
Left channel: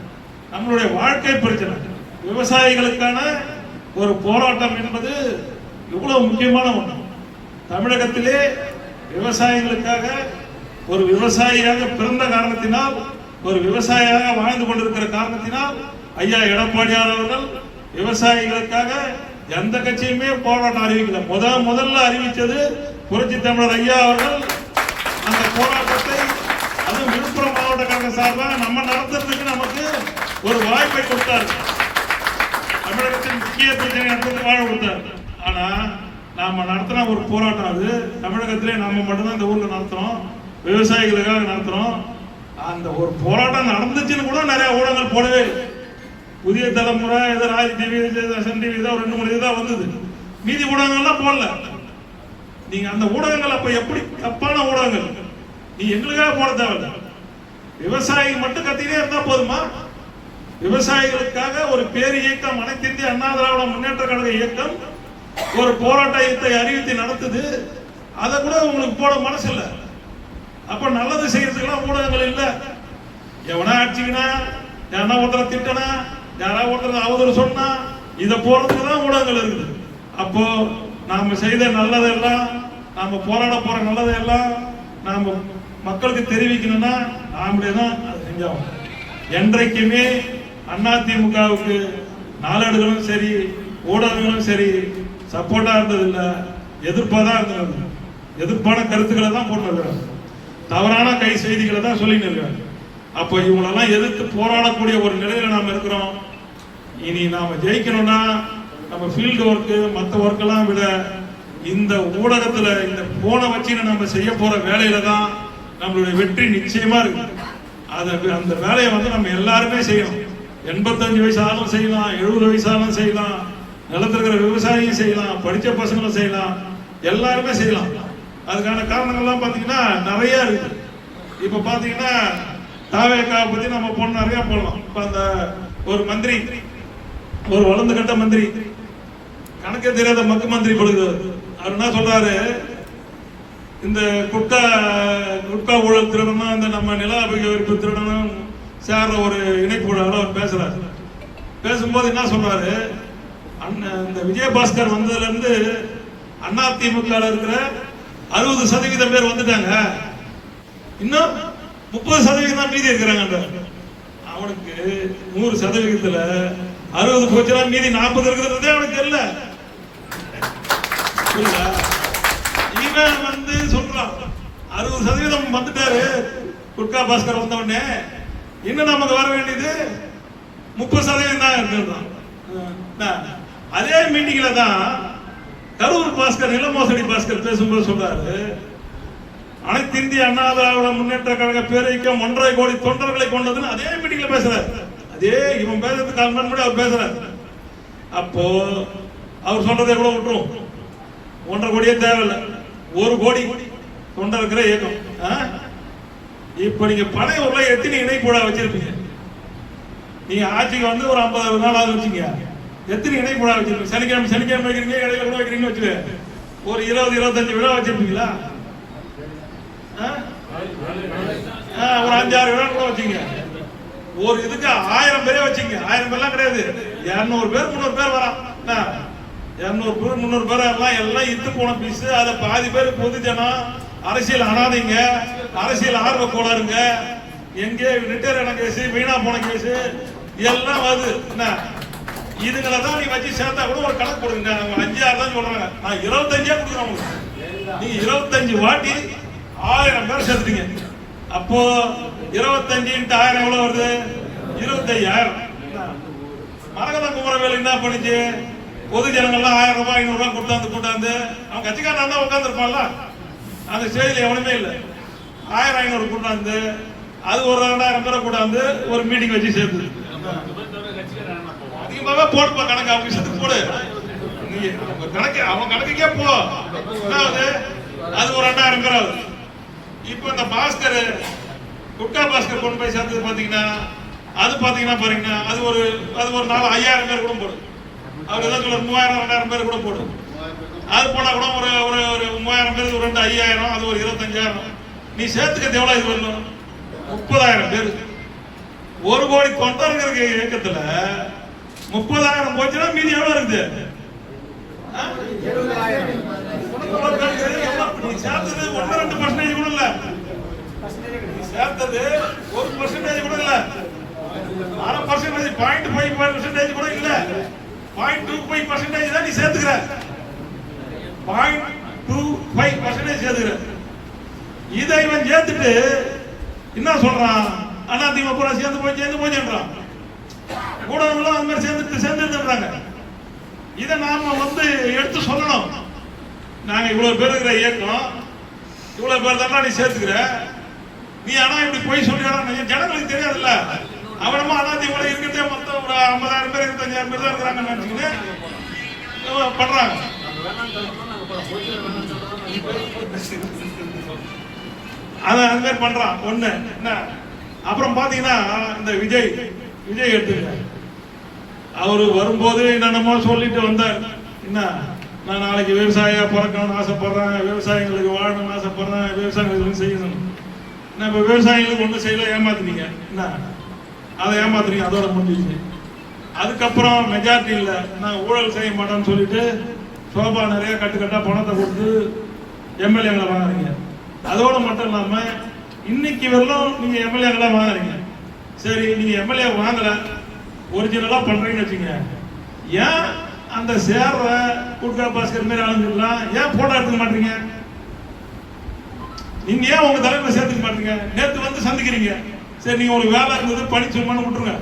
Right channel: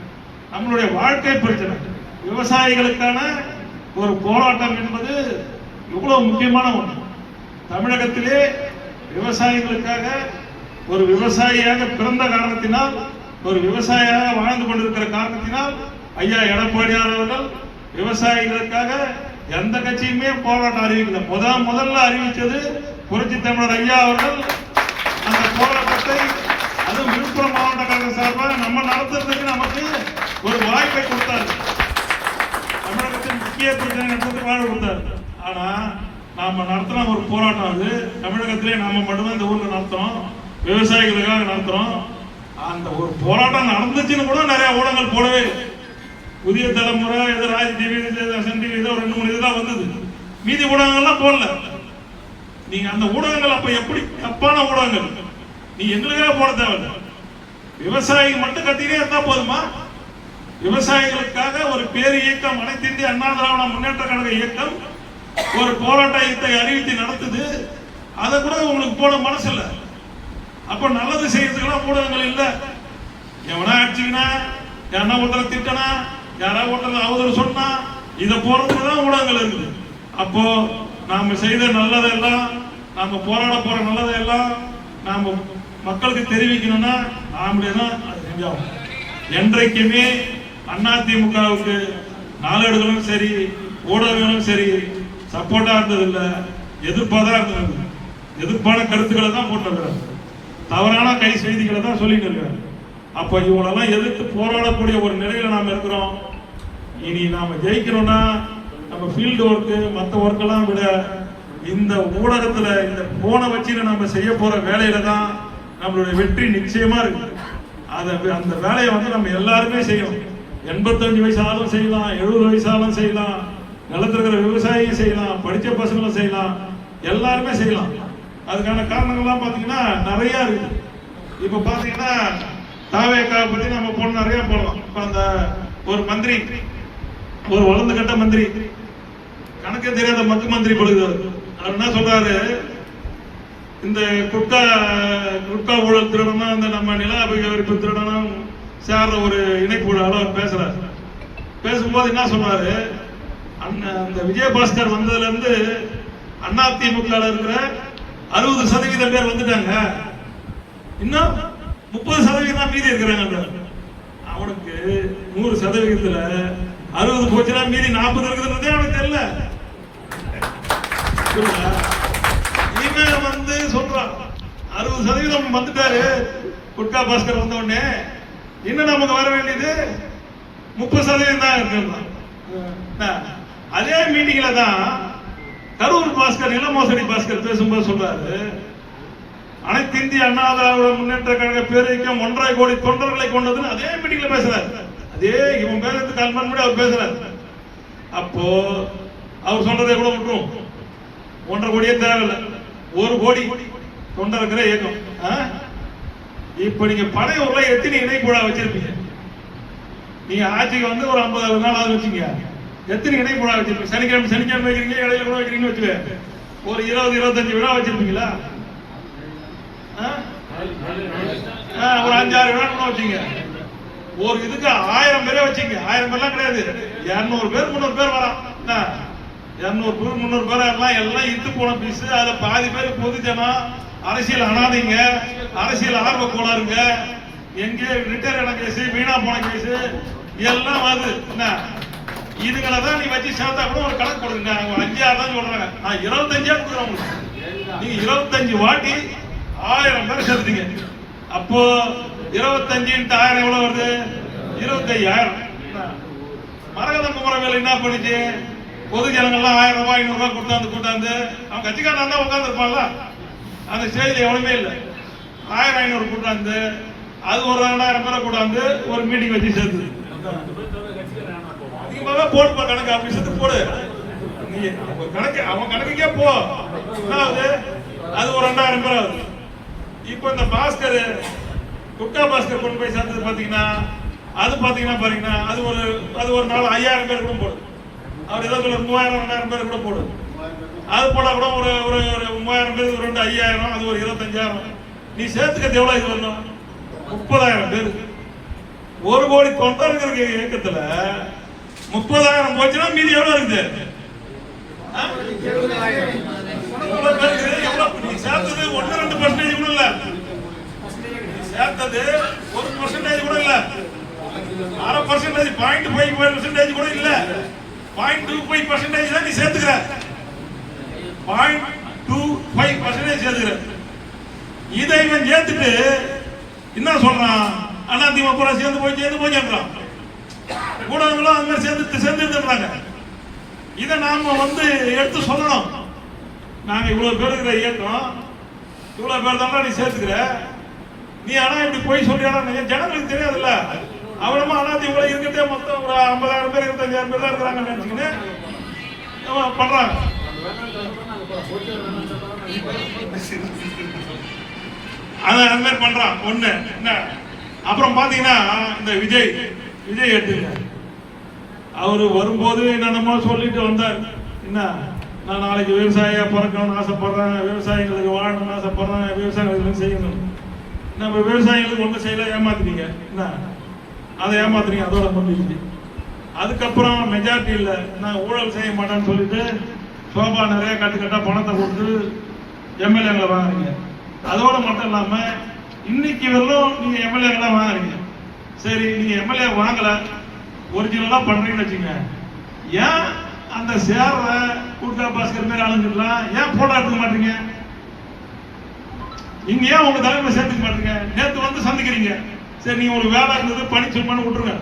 நம்மளுடைய வாழ்க்கை பிரச்சனை. விவசாயிகளுக்கான ஒரு போராட்டம் என்பது எவ்வளவு முக்கியமான ஒன்று. தமிழகத்திலே விவசாயிகளுக்காக, ஒரு விவசாயியாக பிறந்த காரணத்தினால், ஒரு விவசாயியாக வாழ்ந்து கொண்டிருக்கிற காரணத்தினால் ஐயா எடப்பாடியார் அவர்கள் விவசாயிகளுக்காக எந்த கட்சியுமே போராட்டம் அறிவிக்கல. முதல்ல அறிவிச்சது புரட்சி தமிழர் ஐயா அவர்கள். அந்த போராட்டத்தை அதுவும் விழுப்புரம் மாவட்ட கழக சார்பாக நம்ம நடத்துறதுக்கு நமக்கு ஒரு வாய்ப்பை கொடுத்தார்கள். தமிழகத்தின் முக்கிய பிரச்சனை நடந்து வாழ கொடுத்தார். ஆனா நாம நடத்தின ஒரு போராட்டம் அது தமிழகத்திலே நாம மட்டும்தான் இந்த ஊர்ல நடத்துறோம், விவசாயிகளுக்காக நடத்துறோம். அந்த ஒரு போராட்டம் நடந்துச்சுன்னு கூட நிறைய ஊடகங்கள் போடவே. புதிய தலைமுறை ஏதோ ராஜ் டிவி, சன் டிவி ஏதோ 2-3 இதுதான் வந்தது. மீதி ஊடகங்கள்லாம் போடல. நீங்க அந்த ஊடகங்கள் அப்ப எப்படி தப்பான ஊடகங்கள்? நீ எங்களுக்காக போட தேவையில்ல, விவசாயிகள் மட்டும் கத்திட்டே இருந்தா போதுமா? விவசாயிகளுக்காக ஒரு பேர் இயக்கம், அனைத்து இந்திய அண்ணா திராவிட முன்னேற்ற கழக இயக்கம் ஒரு போராட்டத்தை அறிவித்து நடத்துது. அதை கூட உங்களுக்கு போட மனசு இல்ல. அப்ப நல்லது செய்யறதுக்கெல்லாம் ஊடகங்கள் இல்ல. எவனா அடிச்சுக்கினா, யாரா ஒருத்தரை திட்டனா, யாரா ஒருத்தர் அவதூறு சொன்னா, இதை போறதுக்கு தான் ஊடகங்கள் இருக்குது. அப்போ நாம செய்த நல்லதெல்லாம், நாம போராட போற நல்லதெல்லாம் நாம மக்களுக்கு தெரிவிக்கணும்னா நாமளே தான் அதை செஞ்சோம். என்றைக்குமே அதிமுகவுக்கு நாளேடுகளும் சரி, ஊடகங்களும் சரி சப்போர்ட்டா இருந்ததில்லை, எதிர்ப்பாக தான் இருந்தது. எதிர்ப்பான கருத்துக்களை தான் போட்டு, தவறான கை செய்திகளை தான் சொல்லிட்டு இருக்காங்க. அப்போ இவங்களெல்லாம் எதிர்த்து போராடக்கூடிய ஒரு நிலையில நாம் இருக்கிறோம். இனி நாம ஜெயிக்கணும்னா நம்ம ஃபீல்டு ஒர்க்கு மற்ற ஒர்க்கெல்லாம் விட இந்த ஊடகத்துல இந்த போனை வச்சு நம்ம செய்ய போற வேலையில தான் நம்மளுடைய வெற்றி நிச்சயமா இருக்கு. அந்த வேலையை வந்து நம்ம எல்லாருமே செய்யணும். 85 வயசாலும் செய்யலாம், 70 வயசாலும் செய்யலாம், நிலத்தில் இருக்கிற விவசாயியும் செய்யலாம், படிச்ச பசங்களும் செய்யலாம், எல்லாருமே செய்யலாம். அதுக்கான காரணங்கள்லாம் பார்த்தீங்கன்னா நிறைய இருக்கு. இப்ப பாத்தீங்கன்னா தாவேக்காவை பத்தி நம்ம போன நிறைய போடலாம். இப்ப அந்த ஒரு மந்திரி, ஒரு வளர்ந்து கட்ட மந்திரி, கணக்கே தெரியாத மக்கு மந்திரி கொடுக்குது. அவர் என்ன சொல்றாரு, இந்த குட்கா ஊழல் திருடணும், இந்த நம்ம நில அபகரிப்பு திருடணும் சேர்ற ஒரு இணைப்பு அவர் பேசுறாரு. பேசும்போது என்ன சொல்றாரு, அந்த விஜயபாஸ்கர் வந்ததுல இருந்து அதிமுக இருக்கிற 60% பேர் வந்துட்டாங்க, இன்னும் 30% மீதி இருக்கிறாங்க. அவனுக்கு 100%த்துல 60 போச்சுன்னா மீதி 40 இருக்கிறது அவனுக்கு தெரியல. இவன் வந்து சொல்றான் 60% வந்துட்டாரு குட்கா பாஸ்கர் வந்த உடனே, இன்னும் நமக்கு வர வேண்டியது 30% தான் இருக்கிறது. அதே மீட்டிங்ல தான் கரூர் பாஸ்கர், நில மோசடி பாஸ்கர் பேசும்போது சொல்றாரு, அனைத்து இந்திய அண்ணா திராவிட முன்னேற்ற கழக பேரியக்கம் 1.5 கோடி தொண்டர்களை கொண்டதுன்னு அதே மீட்டிங்ல பேசுறாரு. அதே இவன் பேசுறதுக்கு 4 மணி முன்னாடி அவர் பேசுறாரு. அப்போ அவர் சொல்றதை கூட விட்டுரும், 1.5 கோடியே தேவையில்லை, 1 கோடி தொண்டர் இருக்கிற இயக்கம். இப்ப நீங்க பனையூர்ல எத்தனை இணைப்பூடா வச்சிருப்பீங்க? நீங்க ஆட்சிக்கு வந்து ஒரு 50 நாள் ஆகுது வச்சுங்க, எத்தனை இணைப்பூடா வச்சிருப்பீங்க? சனிக்கிழமை வைக்கிறீங்க, இடையில கூட வைக்கிறீங்க வச்சுக்க, ஒரு 20-25 விழா வச்சிருப்பீங்களா? ஒரு 5-6 விழா கூட வச்சுங்க. ஒரு இதுக்கு 1000 பேரே வச்சுங்க. 1000 பேர்லாம் கிடையாது, 200 பேர் 300 பேர் வரான். 200 பேர் 300 பேர் எல்லாம் இத்து போன பீஸ். அதுல பாதி பேர் பொதுஜனம், அரசியல் அனாதைங்க, அரசியல் ஆர்வ கோளாறுங்க, எங்கே ரிட்டையர் ஆன கேஸ், வீணா போன கேஸ் எல்லாம் வருது. இதுகளை தான் நீ வச்சு சேர்த்தா கூட ஒரு கணக்கு போடுங்க. 5-6 தான் சொல்றாங்க, நான் 25 கொடுக்குறேன். நீங்க 25 வாட்டி 1000 பேர் சேர்த்துட்டீங்க. அப்போ 25 × 1000 எவ்வளவு வருது? 25,000. மரகத குமரவேல் என்ன பண்ணுச்சு? பொது ஜனங்கள்லாம் 1000 ரூபாய் 500 ரூபாய் கூட்டாந்து அவன் கட்சிக்காரன் தான் உட்கார்ந்து இருப்பான்ல, அந்த ஸ்டேஜ்ல எவனுமே இல்லை. 1000-500 கூட்டாந்து அது ஒரு 2000 பேரை கூட்டாந்து ஒரு மீட்டிங் வச்சு சேர்த்து அதிகமாக போடுப்பா கணக்கு. ஆபீஸத்துக்கு போடு, நீ கணக்கு அவன் கணக்குக்கே போ. அது ஒரு 2000 பேர் ஆகுது. இப்ப இந்த பாஸ்கர், குட்கா பாஸ்கர் கொண்டு போய் சேர்த்தது பாத்தீங்கன்னா, அது பாத்தீங்கன்னா அது ஒரு நாள் 5000 பேர் கூட போடும். அவர் ஏதோ சொல்ல 3000-2000 பேர் கூட போடும். அது போனா கூட ஒரு 3000 பேர், ஒரு 5000, அது ஒரு 25,000. நீ சேர்த்துக்கிறது எவ்வளவு? இது வரணும் 30,000 பேர். 1 கோடி தொண்டர்கள் இயக்கத்துல 30,000 போச்சுன்னா மீதி எவ்வளவு இருக்குது? நீ சேர்த்தது 1-2% கூட இல்ல, சேர்த்தது 1% கூட இல்ல, 0.5%, 0.5% கூட இல்ல, 0.25% தான் நீ சேர்த்துக்கிற. 0.25% சேர்த்துக்கிற. இதை இவன் சேர்த்துட்டு என்ன சொல்றான்? அதிமுக பூரா சேர்ந்து போச்சுன்றான். ஊடகங்களும் அந்த மாதிரி சேர்ந்துருக்காங்க. இதை நாம வந்து எடுத்து சொல்லணும். நாங்க இவ்வளவு பேர் இருக்கிற இயக்கம், இவ்வளவு பேர் தான் நீ சேர்த்துக்கிற, நீ ஆனா இப்படி போய் சொல்றியா? ஜனங்களுக்கு தெரியாதுல்ல. அவனமா அதிமுக இருக்கிறதே மொத்தம் ஒரு 50,000 பேர் 25,000 பேர் தான் இருக்கிறாங்க நினைச்சுக்கிட்டு பண்றாங்க. அந்த மாதிரி பண்றான் ஒண்ணு. என்ன அப்புறம் பாத்தீங்கன்னா இந்த விஜய் எடுத்துங்க, அவரு வரும்போது என்னென்னமோ சொல்லிட்டு வந்தார். என்ன, நான் நாளைக்கு விவசாயியா பிறக்கணும்னு ஆசைப்படுறேன், விவசாயிகளுக்கு வாழணும்னு ஆசைப்படுறேன், விவசாயிகளுக்கு செய்யணும். நம்ம விவசாயிகளுக்கு ஒன்றும் செய்யல, ஏமாத்துனீங்க. என்ன அதை ஏமாத்துறீங்க, அதோட முடிஞ்சிச்சு. அதுக்கப்புறம் மெஜாரிட்டி இல்லை, நான் ஊழல் செய்ய மாட்டேன்னு சொல்லிட்டு சோபா நிறைய கட்டுக்கட்டா பணத்தை கொடுத்து எம்எல்ஏங்களை வாங்குறீங்க. அதோட மட்டும் இல்லாம இன்னைக்கு வரலும் நீங்க எம்எல்ஏங்களா வாங்குறீங்க. சரி, நீங்க எம்எல்ஏ வாங்கல, ஒரிஜினலா பண்றீங்கன்னு வச்சுங்க, ஏன் அந்த சேர்ற குட்கா பாஸ்கர் மாதிரி ஆளுங்கெல்லாம் ஏன் போட்டோ எடுத்துக்க மாட்டீங்க? நீங்க ஏன் உங்க தலைமை சேர்த்துக்க மாட்டீங்க? நேற்று வந்து சந்திக்கிறீங்க, சரி நீங்க உங்களுக்கு வேலை இருந்தது பணிச்சுமான்னு விட்டுருங்க.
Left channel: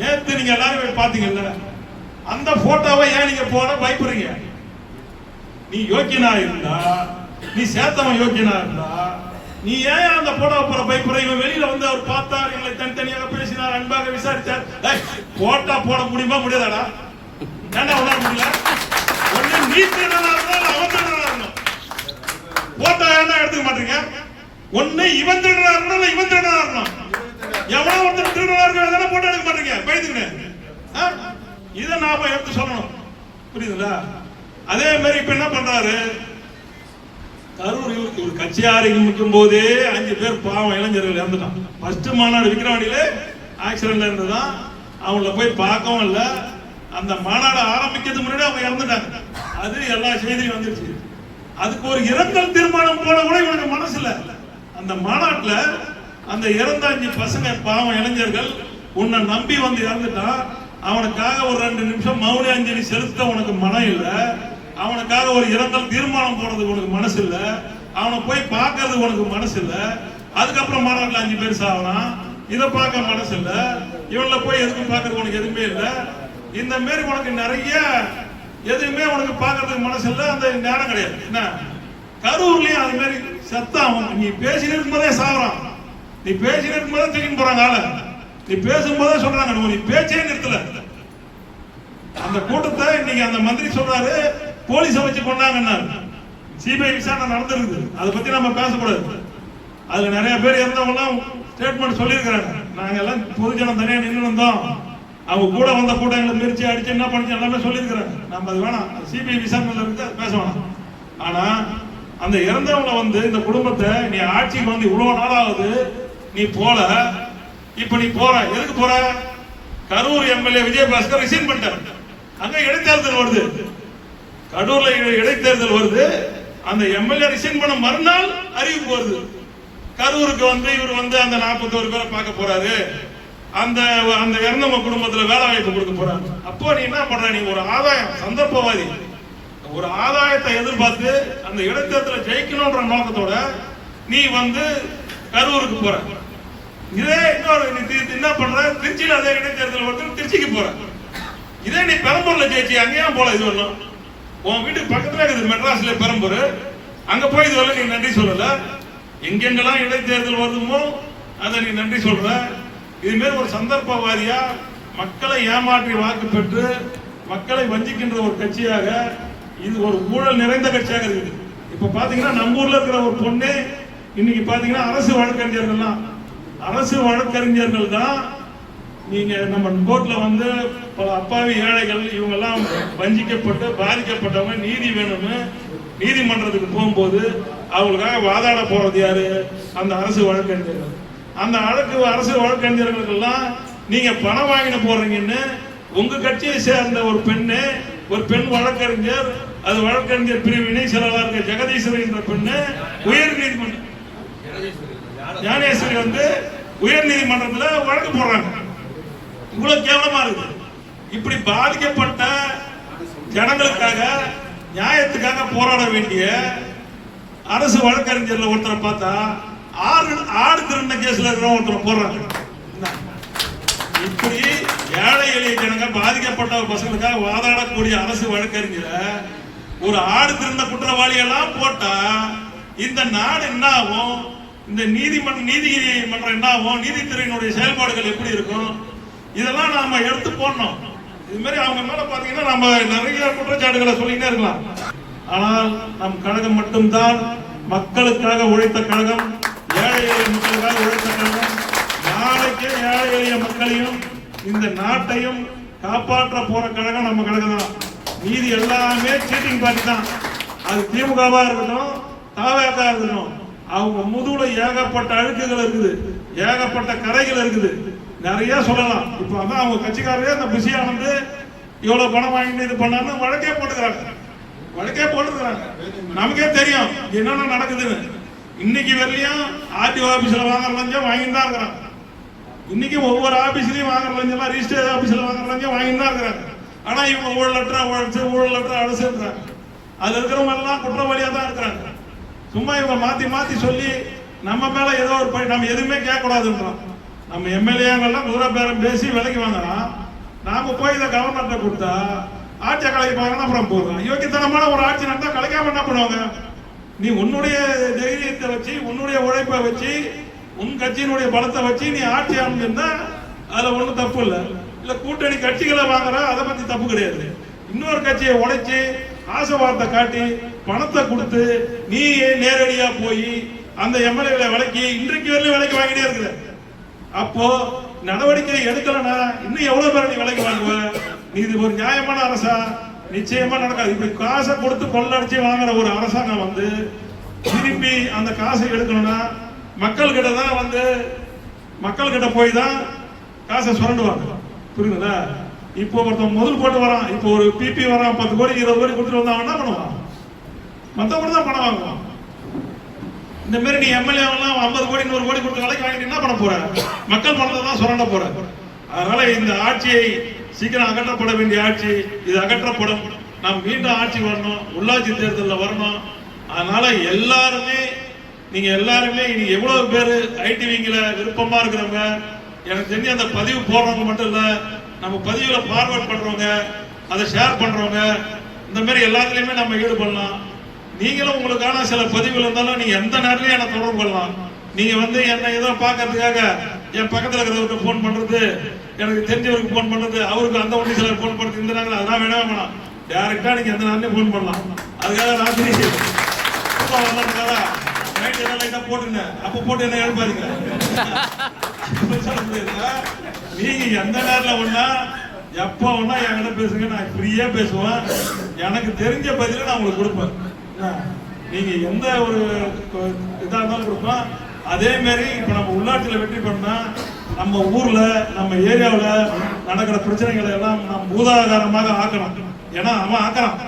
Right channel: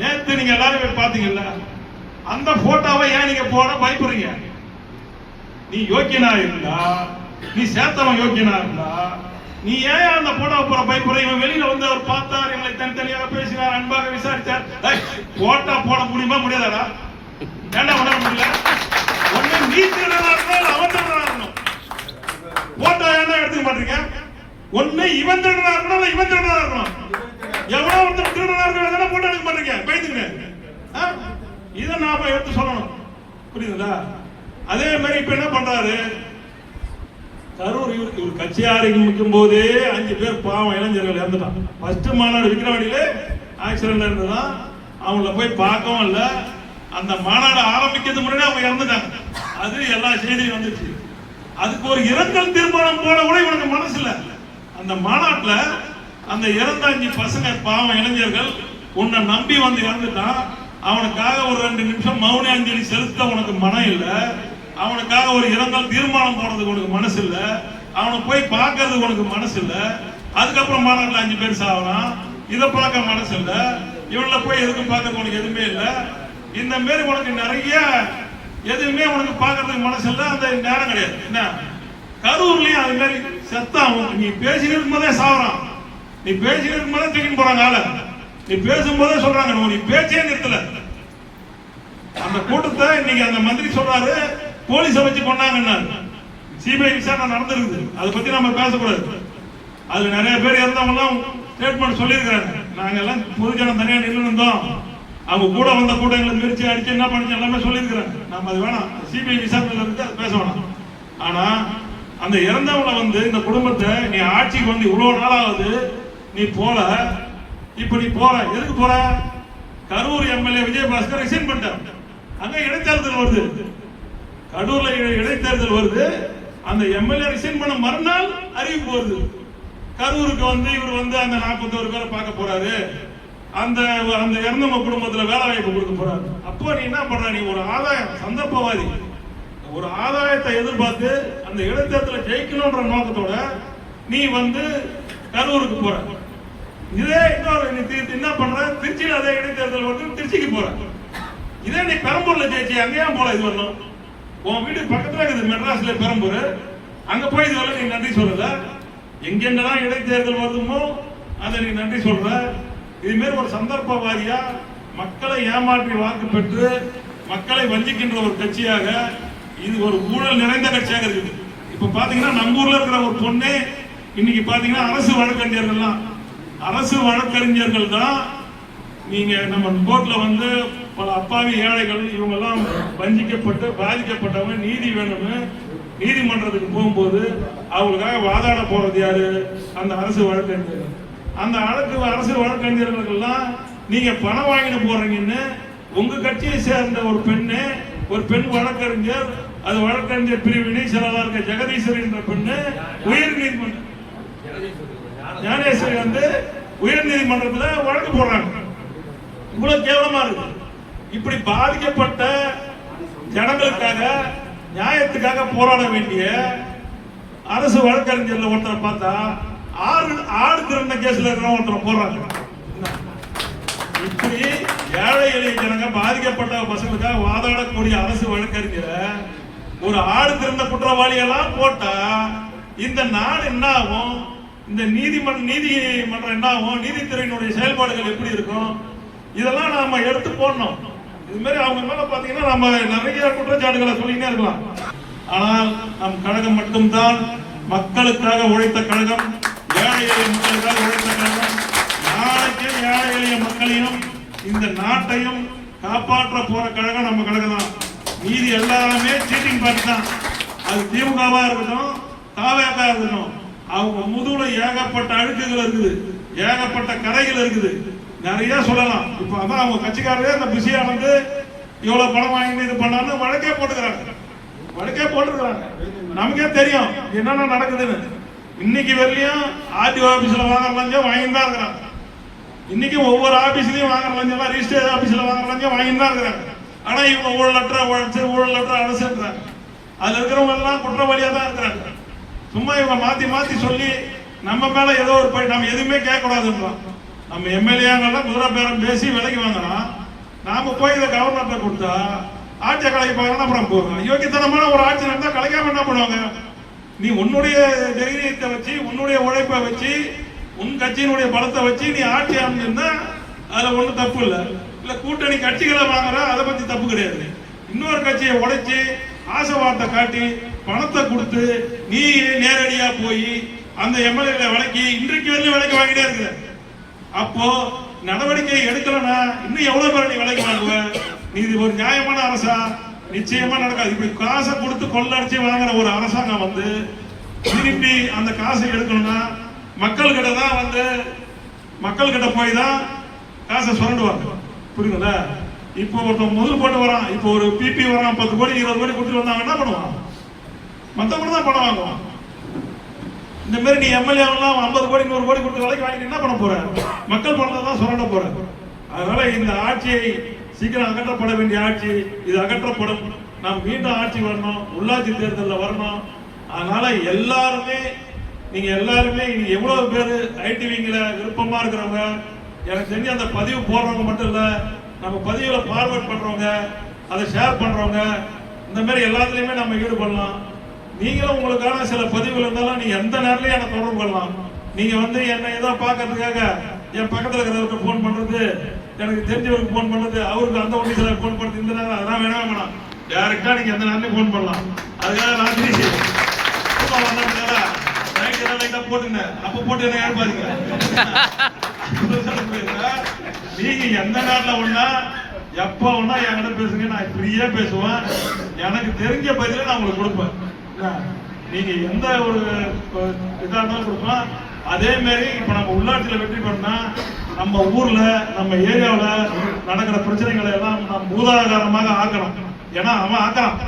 நேற்று நீங்க எல்லாரும் போய் பாத்தீங்கல்ல, அந்த போட்டோவை ஏன் நீங்க போட பயப்படுறீங்க? நீ யோக்கியனா இருந்தா, நீ சேர்த்தவன் யோக்கியனா இருந்தா, நீ ஏன் அந்த போட்டோ போற பயப்படுற? இவன் வெளியில வந்து அவர் பார்த்தார், எங்களை தனித்தனியாக பேசினார், அன்பாக விசாரித்தார். போட்டோ போட முடியுமா முடியாதாடா? ஏன்னா உணர முடியல. ஒண்ணு நீ திருடனா இருந்தாலும் அவன் திருடனா இருக்கணும். போட்டோ ஏன்னா எடுத்துக்க மாட்டீங்க? ஒண்ணு இவன் திருடனா இருக்கணும், இவன் திருடனா இருக்கணும். எவ்வளவு ஒருத்தர் திருடனா இருக்க போட்டோ எடுக்க மாட்டீங்க பயந்துங்க. இதை நாம எடுத்து சொல்லணும், புரியுதுங்களா? அதே மாதிரி இப்ப என்ன பண்றாரு, கரூர் இவர் கட்சி ஆரம்பிக்கும் போதே 5 பேர் பாவம் இளைஞர்கள் இறந்துட்டான். ஃபர்ஸ்ட் மாநாடு விக்கிரவாண்டியிலே ஆக்சிடென்ட் இருந்துதான், அவங்கள போய் பார்க்கவும் இல்லை. அந்த மாநாடு ஆரம்பிக்கிறது முன்னாடி அவங்க இறந்துட்டாங்க. அது எல்லா செய்தியும் வந்துச்சு. அதுக்கு ஒரு இரங்கல் தீர்மானம் போட கூட இவனுக்கு மனசு இல்லை. அந்த மாநாட்டுல அந்த இறந்த 5 பசங்க பாவம் இளைஞர்கள் உன்னை நம்பி வந்து இறந்துட்டான். அவனுக்காக ஒரு 2 நிமிஷம் மௌன அஞ்சலி செலுத்த உனக்கு மனம் இல்லை. அவனுக்காக ஒரு இரங்கல் தீர்மானம் போடுறதுக்கு உனக்கு மனசு இல்லை. அவனை போய் பார்க்கறதுக்கு உனக்கு மனசு இல்லை. அதுக்கப்புறம் மாநாட்டில் 5 பேர் சாவலாம், இதை பார்க்க மனசு இல்லை. இவனை போய் எதுக்கு பார்க்கறது உனக்கு எதுவுமே இல்லை. இந்த மாரி உனக்கு நிறைய எதுவுமே உனக்கு பார்க்கறதுக்கு மனசு இல்லை. அந்த நேரம் கிடையாது. என்ன கரூர்லயும் அது மாதிரி செத்தான். நீ பேசிட்டு இருக்கும் போதே சாவறான், நீ பேசிட்டு இருக்கும் போதே தூக்கிட்டு போறாங்க ஆள. நீ பேசும்போதே சொல்றாங்க நீ பேச்சே நிறுத்தல. அந்த கூட்டத்தை இன்னைக்கு அந்த மந்திரி சொல்றாரு போலீஸை வச்சு கொண்டாங்கன்னாரு. சிபிஐ விசாரணை நடந்திருக்குது, அதை பத்தி நம்ம பேசக்கூடாது. அதுல நிறைய பேர் இருந்தவங்கலாம் ஸ்டேட்மெண்ட் சொல்லியிருக்கிறாங்க. நாங்க எல்லாம் பொதுஜனம் தனியா நின்று இருந்தோம், அவங்க கூட வந்த கூட்டங்களை மிரிச்சு அடிச்சு என்ன பண்ணி எல்லாமே சொல்லியிருக்கிறாங்க. நம்ம அது வேணாம், சிபிஐ விசாரணையில இருந்து அது பேச வேணாம். ஆனா அந்த இறந்தவங்களை வந்து இந்த குடும்பத்தை நீ ஆட்சிக்கு வந்து இவ்வளவு நாளாவது நீ போல, இப்ப நீ போற, எதுக்கு போற? கரூர் எம்எல்ஏ விஜயபாஸ்கர் ரிசைன் பண்ணிட்டார். அங்க இடைத்தேர்தல் வருது, கடூர்ல இடைத்தேர்தல் வருது. அந்த எம்எல்ஏ ரிசைன் பண்ண மறுநாள் அறிவிப்பு வருது, கரூருக்கு வந்து இவர் வந்து அந்த 41 பேரை பார்க்க போறாரு, அந்த அந்த இறந்தவங்க குடும்பத்துல வேலை வாய்ப்பு கொடுக்க போறாரு. அப்போ நீ என்ன பண்ற? நீ ஒரு ஆதாயம், சந்தர்ப்பவாதி, ஒரு ஆதாயத்தை எதிர்பார்த்து அந்த இடைத்தேர்தலை ஜெயிக்கணும்ன்ற நோக்கத்தோட நீ வந்து கரூருக்கு போற. இதே இன்னொரு நீ என்ன பண்ற? திருச்சியில அதே இடைத்தேர்தல் வந்து திருச்சிக்கு போற. இதே நீ பெரம்பூர்ல ஜெயிச்சு அங்கேயா போல? இது வரணும், உன் வீட்டுக்கு பக்கத்துல இருக்குது மெட்ராஸ்ல பெரம்பூர், அங்க போய் இதுவரை நீ நன்றி சொல்லல. எங்கெங்கெல்லாம் இடைத்தேர்தல் வருதுமோ அதை நீ நன்றி சொல்ற. இது மாதிரி ஒரு சந்தர்ப்பவாதியா மக்களை ஏமாற்றி வாக்கு பெற்று மக்களை வஞ்சிக்கின்ற ஒரு கட்சியாக, இது ஒரு ஊழல் நிறைந்த கட்சியாக இருக்குது. இப்ப பாத்தீங்கன்னா நம்ம ஊர்ல இருக்கிற ஒரு பொண்ணு இன்னைக்கு பாத்தீங்கன்னா அரசு வழக்கறிஞர்கள் தான் நீங்க நம்ம கோர்ட்ல வந்து பல அப்பாவி ஏழைகள் இவங்க எல்லாம் வஞ்சிக்கப்பட்டு பாதிக்கப்பட்டவங்க நீதி வேணும்னு நீதிமன்றத்துக்கு போகும்போது அவங்களுக்காக வாதாட போறது யாரு? அந்த அரசு வழக்கறிஞர்கள். அந்த அரசு வழக்கறிஞர்களுக்கெல்லாம் நீங்க பணம் வாங்கின போறீங்கன்னு உங்க கட்சியை சேர்ந்த ஒரு பெண் வழக்கறிஞர், அது வழக்கறிஞர் பிரிவு இணை செயலாளர் ஜெகதீஸ்வரி என்ற பெண்ணு உயர் நீதிமன்றம் ஞானேஸ்வரி வந்து உயர் நீதிமன்றத்தில் வழக்கு போடுறாங்க. இவ்வளவு கேவலமா இருக்கு. இப்படி பாதிக்கப்பட்ட ஜனங்களுக்காக நியாயத்துக்காக போராட வேண்டிய அரசு வழக்கறிஞர்ல ஒருத்தரை பார்த்தா ஆடு திருந்த கேஸ்ல இருக்கிற ஒருத்தரை போடுறாங்க. இப்படி ஏழை எளிய ஜனங்க பாதிக்கப்பட்ட பசங்களுக்காக வாதாடக்கூடிய அரசு வழக்கறிஞரை ஒரு ஆடு திறந்த குற்றவாளி எல்லாம் போட்டா இந்த நாடு என்ன ஆகும்? இந்த நீதிமன்றம் என்ன ஆகும்? நீதித்துறையினுடைய செயல்பாடுகள் எப்படி இருக்கும்? இதெல்லாம் நாம எடுத்து போடணும். இது மாதிரி அவங்க மேல பாத்தீங்கன்னா நம்ம நிறைய குற்றச்சாட்டுகளை சொல்லிக்கிட்டே இருக்கலாம். ஆனால் நம் கழகம் மட்டும்தான் மக்களுக்காக உழைத்த கழகம், ஏழை எளிய மக்களுக்காக உழைத்த கழகம். நாளைக்கு ஏழை எளிய மக்களையும் இந்த நாட்டையும் காப்பாற்ற போற கழகம் நம்ம கழகம் தான். மீதி எல்லாமே சீட்டிங் பார்ட்டி தான். அது திமுகவா இருக்கட்டும், தாவேகா இருக்கட்டும், அவங்க முதுகுல ஏகப்பட்ட அழுக்குகள் இருக்குது, ஏகப்பட்ட கரைகள் இருக்குது, நிறைய சொல்லலாம். இப்ப அதான் அவங்க கட்சிக்காரரே அந்த பிஸியா வந்து இவ்வளவு பணம் வாங்கி இது பண்ணான்னு வழக்கே போட்டுக்கிறாங்க. நமக்கே தெரியும் என்னென்ன நடக்குதுன்னு. இன்னைக்கு வரையும் ஆர்டிஓ ஆபீஸ்ல வாங்குற லஞ்சம் வாங்கிட்டு தான் இருக்கிறாங்க. இன்னைக்கு ஒவ்வொரு ஆபீஸ்லயும் வாங்குற லஞ்சம், ரிஜிஸ்டர் ஆபீஸ்ல வாங்குற லஞ்சம் வாங்கிட்டு தான் இருக்கிறாங்க. ஆனா இவங்க ஊழலற்ற அரசுன்றாங்க. அதுல இருக்கிறவங்க எல்லாம் குற்றவாளியா தான் இருக்கிறாங்க. சும்மா இவங்க மாத்தி சொல்லி நம்ம மேல ஏதோ ஒரு போய் நம்ம எதுவுமே கேட்க கூடாதுன்றான். நம்ம எம்எல்ஏங்கெல்லாம் தூர பேரம் பேசி விலைக்கு வாங்கலாம். நாம போய் இதை கவர்னர்கிட்ட கொடுத்தா ஆட்சியை கலைப்பாங்க. அப்புறம் போடுறோம். யோகித்தனமான ஒரு ஆட்சி நடந்தா கலைக்காம என்ன பண்ணுவாங்க? நீ உன்னுடைய தைரியத்தை வச்சு, உன்னுடைய உழைப்பை வச்சு, உன் கட்சியினுடைய பலத்தை வச்சு நீ ஆட்சி அமைஞ்சிருந்தா அதுல ஒன்றும் தப்பு இல்லை. இல்ல கூட்டணி கட்சிகளை வாங்குற அதை பத்தி தப்பு கிடையாது. இன்னொரு கட்சியை உடைச்சு ஆசை வார்த்தை காட்டி பணத்தை கொடுத்து நீ நேரடியா போய் அந்த எம்எல்ஏ விலைக்கு இன்றைக்கு வரலையும் விலைக்கு வாங்கிட்டே இருக்கிற. அப்போ நடவடிக்கை எடுக்கலன்னா இன்னும் எவ்வளவு பேர் நீ விலைக்கு வாங்குவ? நீ இது ஒரு நியாயமான அரசா? நிச்சயமா நடக்காது. இப்ப காசை கொடுத்து கொள்ளடிச்சு வாங்குற ஒரு அரசாங்கம் வந்து திருப்பி அந்த காசை எடுக்கணும்னா மக்கள் கிட்ட தான் வந்து மக்கள் கிட்ட போய் தான் காசை சுரண்டுவாங்க. புரியுதுங்களா? இப்போ ஒருத்தன் முதல் போட்டு வரான், இப்போ ஒரு பிபி வரான், 10 கோடி 20 கோடி கொடுத்துட்டு வந்தா என்ன பண்ணுவான்? மத்தவங்க தான் பணம் வாங்குவான். இந்த மாதிரி நீ எம்எல்ஏ எல்லாம் 50 கோடி 100 கோடி கொடுத்து விலைக்கு வாங்கிட்டு என்ன பண்ண போற? மக்கள் பணத்தை தான் சுரண்ட போற. அதனால இந்த ஆட்சியை சீக்கிரம் அகற்றப்பட வேண்டிய ஆட்சி இது அகற்றப்படும். நாம் மீண்டும் ஆட்சி வரணும், உள்ளாட்சி தேர்தலில் வரணும். அதனால எல்லாருமே நீங்க எல்லாருமே இன்னைக்கு எவ்வளவு பேர் ஐடிவிங்கில விருப்பமா இருக்கிறவங்க, எனக்கு தெரிஞ்சு அந்த பதிவு போடுறவங்க மட்டும் இல்ல, நம்ம பதிவுல ஃபார்வர்ட் பண்றவங்க, அதை ஷேர் பண்றவங்க, இந்த மாதிரி எல்லாத்துலயுமே நம்ம ஈடுபடலாம். நீங்களும் உங்களுக்கான சில பதிவுகள் இருந்தாலும் நீங்க எந்த நேரத்திலையும் எனக்கு தொடர்பு கொள்ளலாம். நீங்க வந்து என்ன ஏதோ பாக்கிறதுக்காக என் பக்கத்துல இருக்கிறவருக்கு போன் பண்றது, எனக்கு தெரிஞ்சவருக்கு போன் பண்றது, அவருக்கு அந்த ஒன்று சிலர் போன் பண்றது, இந்த நேரம் அதெல்லாம் வேணாம். டைரக்டா நீங்க எந்த நேரத்தையும் போன் பண்ணலாம். அதுக்காக ராத்திரி போட்டுங்க, அப்ப போட்டு என்ன எழுப்பாதீங்க. நீங்க எந்த நேரத்துல ஒண்ணா எப்ப ஒண்ணா என்கிட்ட பேசுங்க, நான் ஃப்ரீயா பேசுவேன். எனக்கு தெரிஞ்ச பதில நான் உங்களுக்கு கொடுப்பேன். நீங்க எந்த ஒரு இதா இருந்தாலும் கொடுப்பேன். அதே மாதிரி இப்ப நம்ம உள்ளாட்சியில வெற்றி பண்ணா நம்ம ஊர்ல நம்ம ஏரியாவில் நடக்கிற பிரச்சனைகளை எல்லாம் நாம் பூதாகாரமாக ஆக்கணும். ஏன்னா அவன் ஆக்குறான்,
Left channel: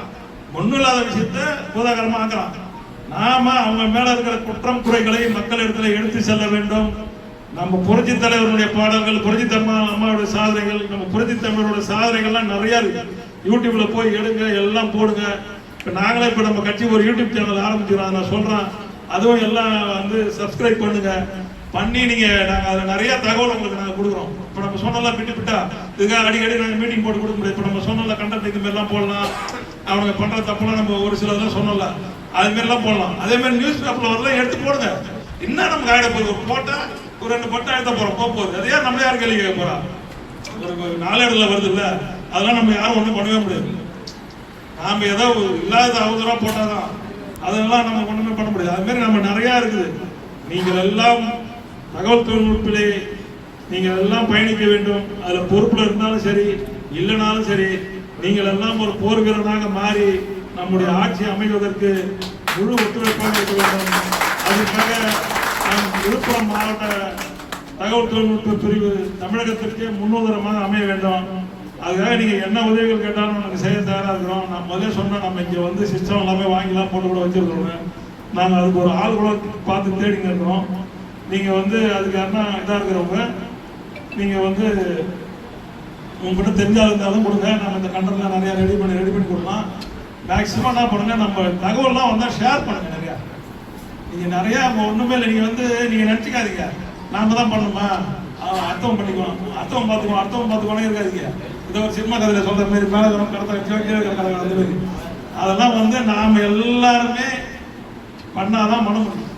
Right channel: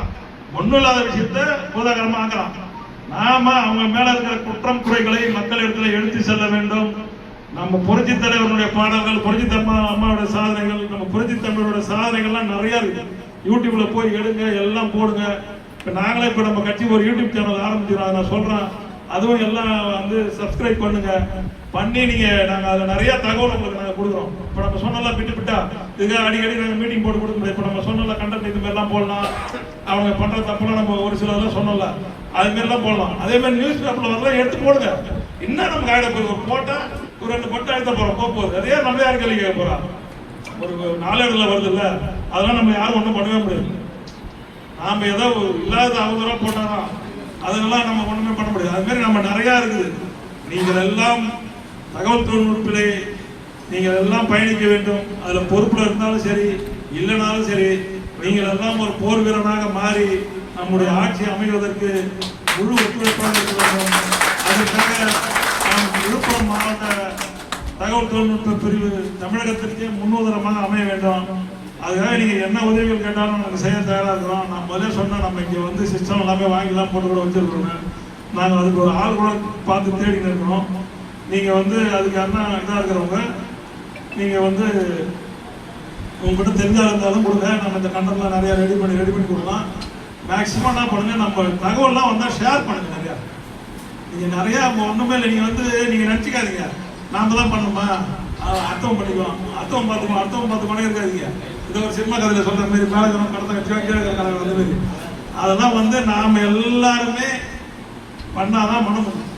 ஒண்ணும் இல்லாத விஷயத்த பூதாகாரமா ஆக்குறான். நாம அவங்க மேல இருக்கிற குற்றம் குறைகளை மக்கள் இடத்துல எடுத்து செல்ல வேண்டும். நம்ம புரட்சி தலைவருடைய பாடல்கள், புரட்சி அம்மாவோட சாதனைகள், நம்ம புரட்சி தமிழோட சாதனைகள்லாம் நிறைய இருக்கு. யூடியூப்ல போய் எடுங்க, எல்லாம் போடுங்க. இப்ப நாங்களே இப்ப நம்ம கட்சி ஒரு யூடியூப் சேனல் ஆரம்பிச்சிடும், அதை நான் சொல்றேன். அதுவும் எல்லாம் வந்து சப்ஸ்கிரைப் பண்ணுங்க. பண்ணி நீங்க நாங்க அதுல நிறைய தகவல் உங்களுக்கு நாங்க கொடுக்குறோம். இப்ப நம்ம சொன்னலாம் விட்டுவிட்டா இதுக்காக அடிக்கடி நாங்க மீட்டிங் போட்டு கொடுக்க முடியாது. இப்ப நம்ம சொன்னல கண்டென்ட் இது மாதிரி எல்லாம் போடலாம். அவங்க பண்ற தப்புலாம் நம்ம ஒரு சிலதெல்லாம் சொன்னல அது மாதிரி எல்லாம் போடலாம். அதே மாதிரி நியூஸ் பேப்பர்ல வரலாம் எடுத்து போடுங்க. இன்னும் நமக்கு ஆயிட போகுது, போட்டா ஒரு 2 பட்டம் எடுத்த போறோம் போகுது. அதே நம்ம யாரும் கேள்வி கேட்க போறா? ஒரு 4 இடத்துல வருது இல்ல, அதெல்லாம் நம்ம யாரும் ஒண்ணும் பண்ணவே முடியாது. நாம ஏதோ இல்லாத அவதூறா போட்டாதான் அதெல்லாம் நம்ம ஒண்ணுமே பண்ண முடியாது. அது மாதிரி நம்ம நிறைய இருக்குது. நீங்கள் எல்லாம் தகவல் தொழில்நுட்பத்திலே நீங்கள் எல்லாம் பயணிக்க வேண்டும். அதுல பொறுப்புல இருந்தாலும் சரி இல்லைனாலும் சரி, நீங்கள் எல்லாம் ஒரு போர் வீரனாக மாறி நம்முடைய ஆட்சி அமைவதற்கு முழு ஒத்துழைப்பாக இருக்க வேண்டும். அதற்காக நம் விழுப்புரம் மாவட்ட தகவல் தொழில்நுட்ப பிரிவு தமிழகத்திற்கே முன்னுதாரணமாக அமைய வேண்டும். அதுக்காக நீங்க என்ன உதவிகள் கேட்டாலும் நமக்கு செய்ய தயாரா இருக்கிறோம். நான் முதல்ல சொன்னோம், நம்ம இங்க வந்து சிஸ்டம் எல்லாமே வாங்கிலாம் போட்டு கூட வச்சிருக்கிறோங்க. நாங்கள் அதுக்கு ஒரு ஆள் கூட பார்த்து தேடிங்க இருக்கிறோம். நீங்க வந்து அதுக்கு என்ன இதாக இருக்கிறவங்க நீங்க வந்து உங்ககிட்ட தெரிஞ்சா இருந்தாலும் கொடுங்க. நம்ம இந்த கண்டென்ட்லாம் நிறைய ரெடி பண்ணி கொடுக்கலாம். மேக்சிமம் என்ன பண்ணுங்க, நம்ம தகவல்லாம் வந்தால் ஷேர் பண்ணுங்க. நிறைய நீங்க நிறைய ஒண்ணுமே இல்லை. நீங்க வந்து நீங்க நினைச்சுக்காதீங்க நாம தான் பண்ணுமா, அர்த்தம் பண்ணிக்குவோம், அர்த்தம் பார்த்துக்கோனே இருக்காதுங்க. இதை ஒரு சினிமா கதையில் சொல்ற மாதிரி மேலகரம் கடத்த கட்சி அந்த மாதிரி அதெல்லாம் வந்து நாம் எல்லாருமே பண்ணாதான் மனம் பண்ணும்.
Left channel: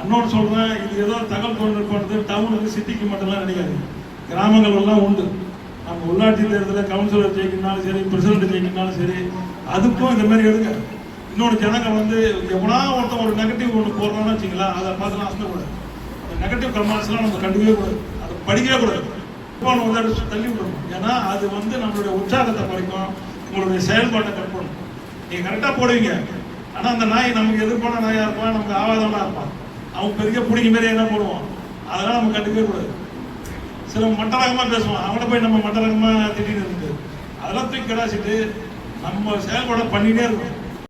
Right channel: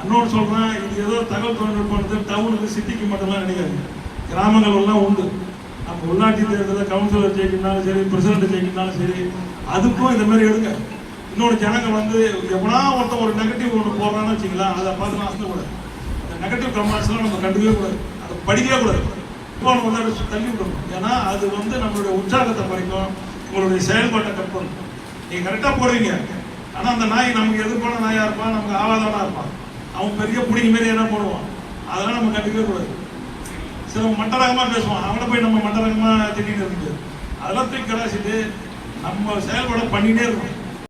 இன்னொன்று சொல்கிறேன், இது ஏதோ தகவல் தொழில்நுட்பம் டவுனுக்கு சிட்டிக்கு மட்டும்லாம் கிடையாது, கிராமங்கள் எல்லாம் உண்டு. நம்ம உள்ளாட்சி தேர்தலில் கவுன்சிலர் ஜெயிக்கணும்னாலும் சரி, பிரசிடென்ட் ஜெயிக்கணும்னாலும் சரி, அதுக்கும் இந்த மாதிரி எடுங்க. இன்னொரு ஜனங்கள் வந்து எவ்வளோ ஒருத்தன் ஒரு நெகட்டிவ் ஒன்று போடுறான்னு வச்சிங்களா, அதை பார்த்து அசந்தக்கூடாது. அந்த நெகட்டிவ் கமெண்ட்ஸ்லாம் நம்ம கண்டுக்கவே கூடாது, அதை படிக்கவே கூடாது, வந்து தள்ளி விடணும். ஏன்னா அது வந்து நம்மளுடைய உற்சாகத்தை குறைக்கும், உங்களுடைய செயல்பாட்டை கட் பண்ணும். நீங்கள் கரெக்டாக போடுவீங்க, ஆனால் அந்த நாய் நமக்கு எதிர்ப்பான நாயாக இருப்பான், நமக்கு ஆவாதமாக இருப்பான், அவன் பெரிய பிடிக்க மாரி என்ன போடுவான், அதெல்லாம் நம்ம கண்டுக்கவே கூடாது. சில மட்டரகமாக பேசுவான், அவனை போய் நம்ம மட்டரகமாக திட்டின்னு இருக்குது. அதெல்லாம் தூக்கி கலாச்சிட்டு நம்ம செயல்பாடை பண்ணிகிட்டே இருக்கணும்.